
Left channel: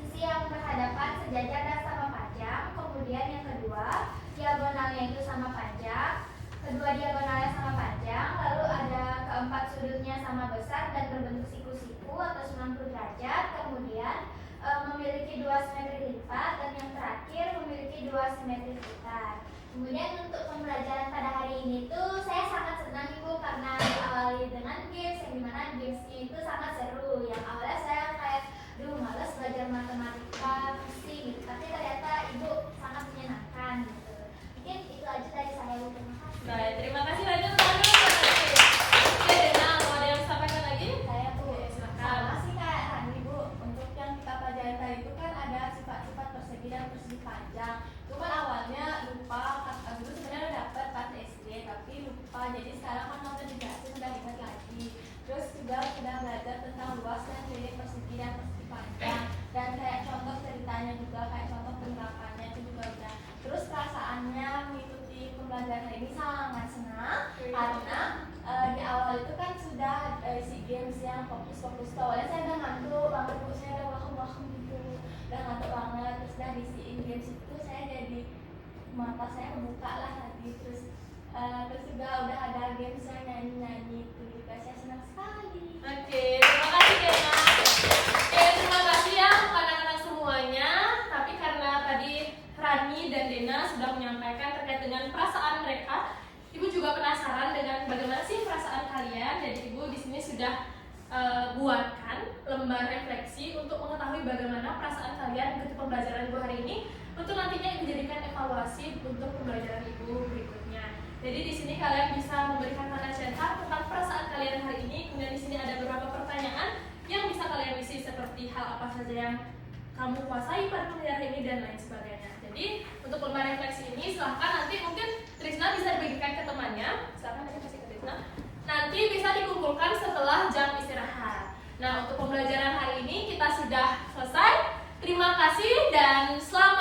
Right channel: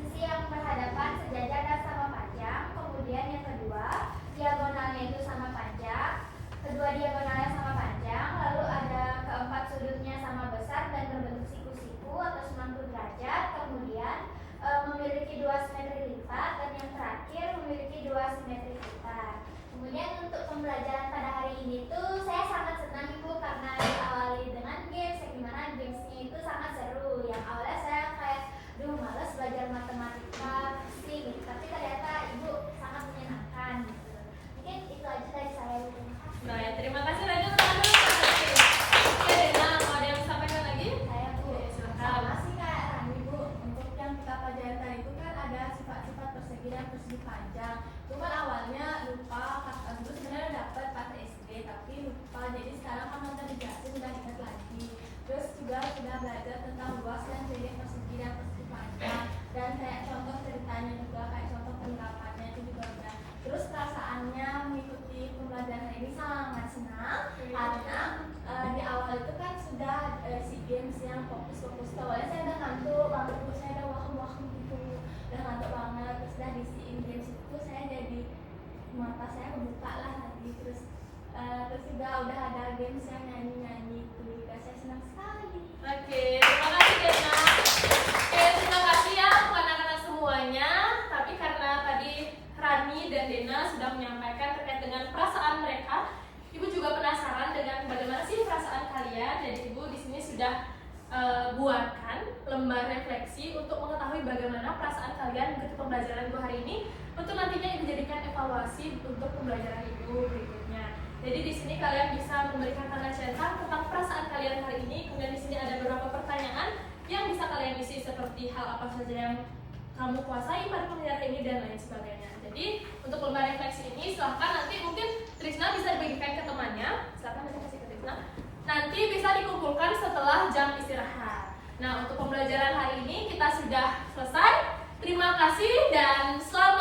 sisi yang berhadapan sejajar dan sama panjang, kemudian yang kedua diagonalnya itu sama panjang, kedua diagonalnya sama panjang, lalu ada keempat sudutnya sama besar dan berbentuk siku-siku atau 90 derajat, kemudian memiliki 2 simetri lipat, dan yang terakhir memiliki 2 simetri putar. Kemudian untuk pembelajaran pada hari ini tuh saya sangat senang Ibu karena diawali dengan games, yang dimana gamesnya itu sangat seru. Yang awalnya saya kayak malas belajar matematika fisik gitu, tapi ternyata Ibu sangat menyenangkan gitu. Mungkin itu aja dari saya, Bu. Terima kasih. Baik, terima kasih Rani. Oke, Dena, mau ada yang disampaikan lagi? Saya, Bu. Silakan. Sama sih Kak Rani, Bu. Untuk yang kita pelajari tadi itu kan ada sifat-sifat persegi dan persegi panjang. Cuma awalnya lupa apa. Jadi sekarang kan nonton dijelasin udah ingat lagi. Terus juga sudah belajar tentang luas dan keliling persegi dan persegi panjang. Dan kayak contoh ceritanya juga, kayak contoh penerapannya itu juga udah. Terus perasaannya mengikuti pembelajaran ini sangat senang karena di awal itu kan sudah si games yang fokus-fokus. Awalnya saya udah ngantuk banget, terus saya udah waham-waham gitu, udah ngantuk banget. Terus udah ngisiin games itu saya jadi mata saya kebuka lah lagi. Terus juga udah ada games yang nyanyi-nyanyi itu juga saya senang sekali. Oke, terima kasih Dena. Oke, terima kasih ya untuk anak-anak semuanya. Tapi karena tadi Rani dan Dena sudah menyampaikan terkait dengan perasaan mereka, Ibu juga penasaran dengan bagaimana sih perasaan kalian. Jadi Ibu di sini sudah buatkan lembar refleksi untuk mengetahui bagaimana perasaan kalian untuk pembelajaran Ibu hari ini, untuk nantinya Ibu jadikan evaluasi untuk pembelajaran Ibu berikutnya. Jadi di sini kalian bisa memberikan tanda cetak tentang perasaan kalian hari ini. Kemudian di sini ada beberapa pertanyaan yang bisa kalian isi seperti hal apa saja yang kamu kuasai pada pembelajaran ini dan lain sebagainya. Jadi untuk lembar refleksi ini silahkan nanti mungkin Trisna bisa dibagikan ke temannya. Silahkan nanti kasih ke Trisna. Nanti bisa dikumpulkan setelah jam istirahat. Nah untuk pembelajaran hari ini kita sudah selesai. Terima kasih dan selamat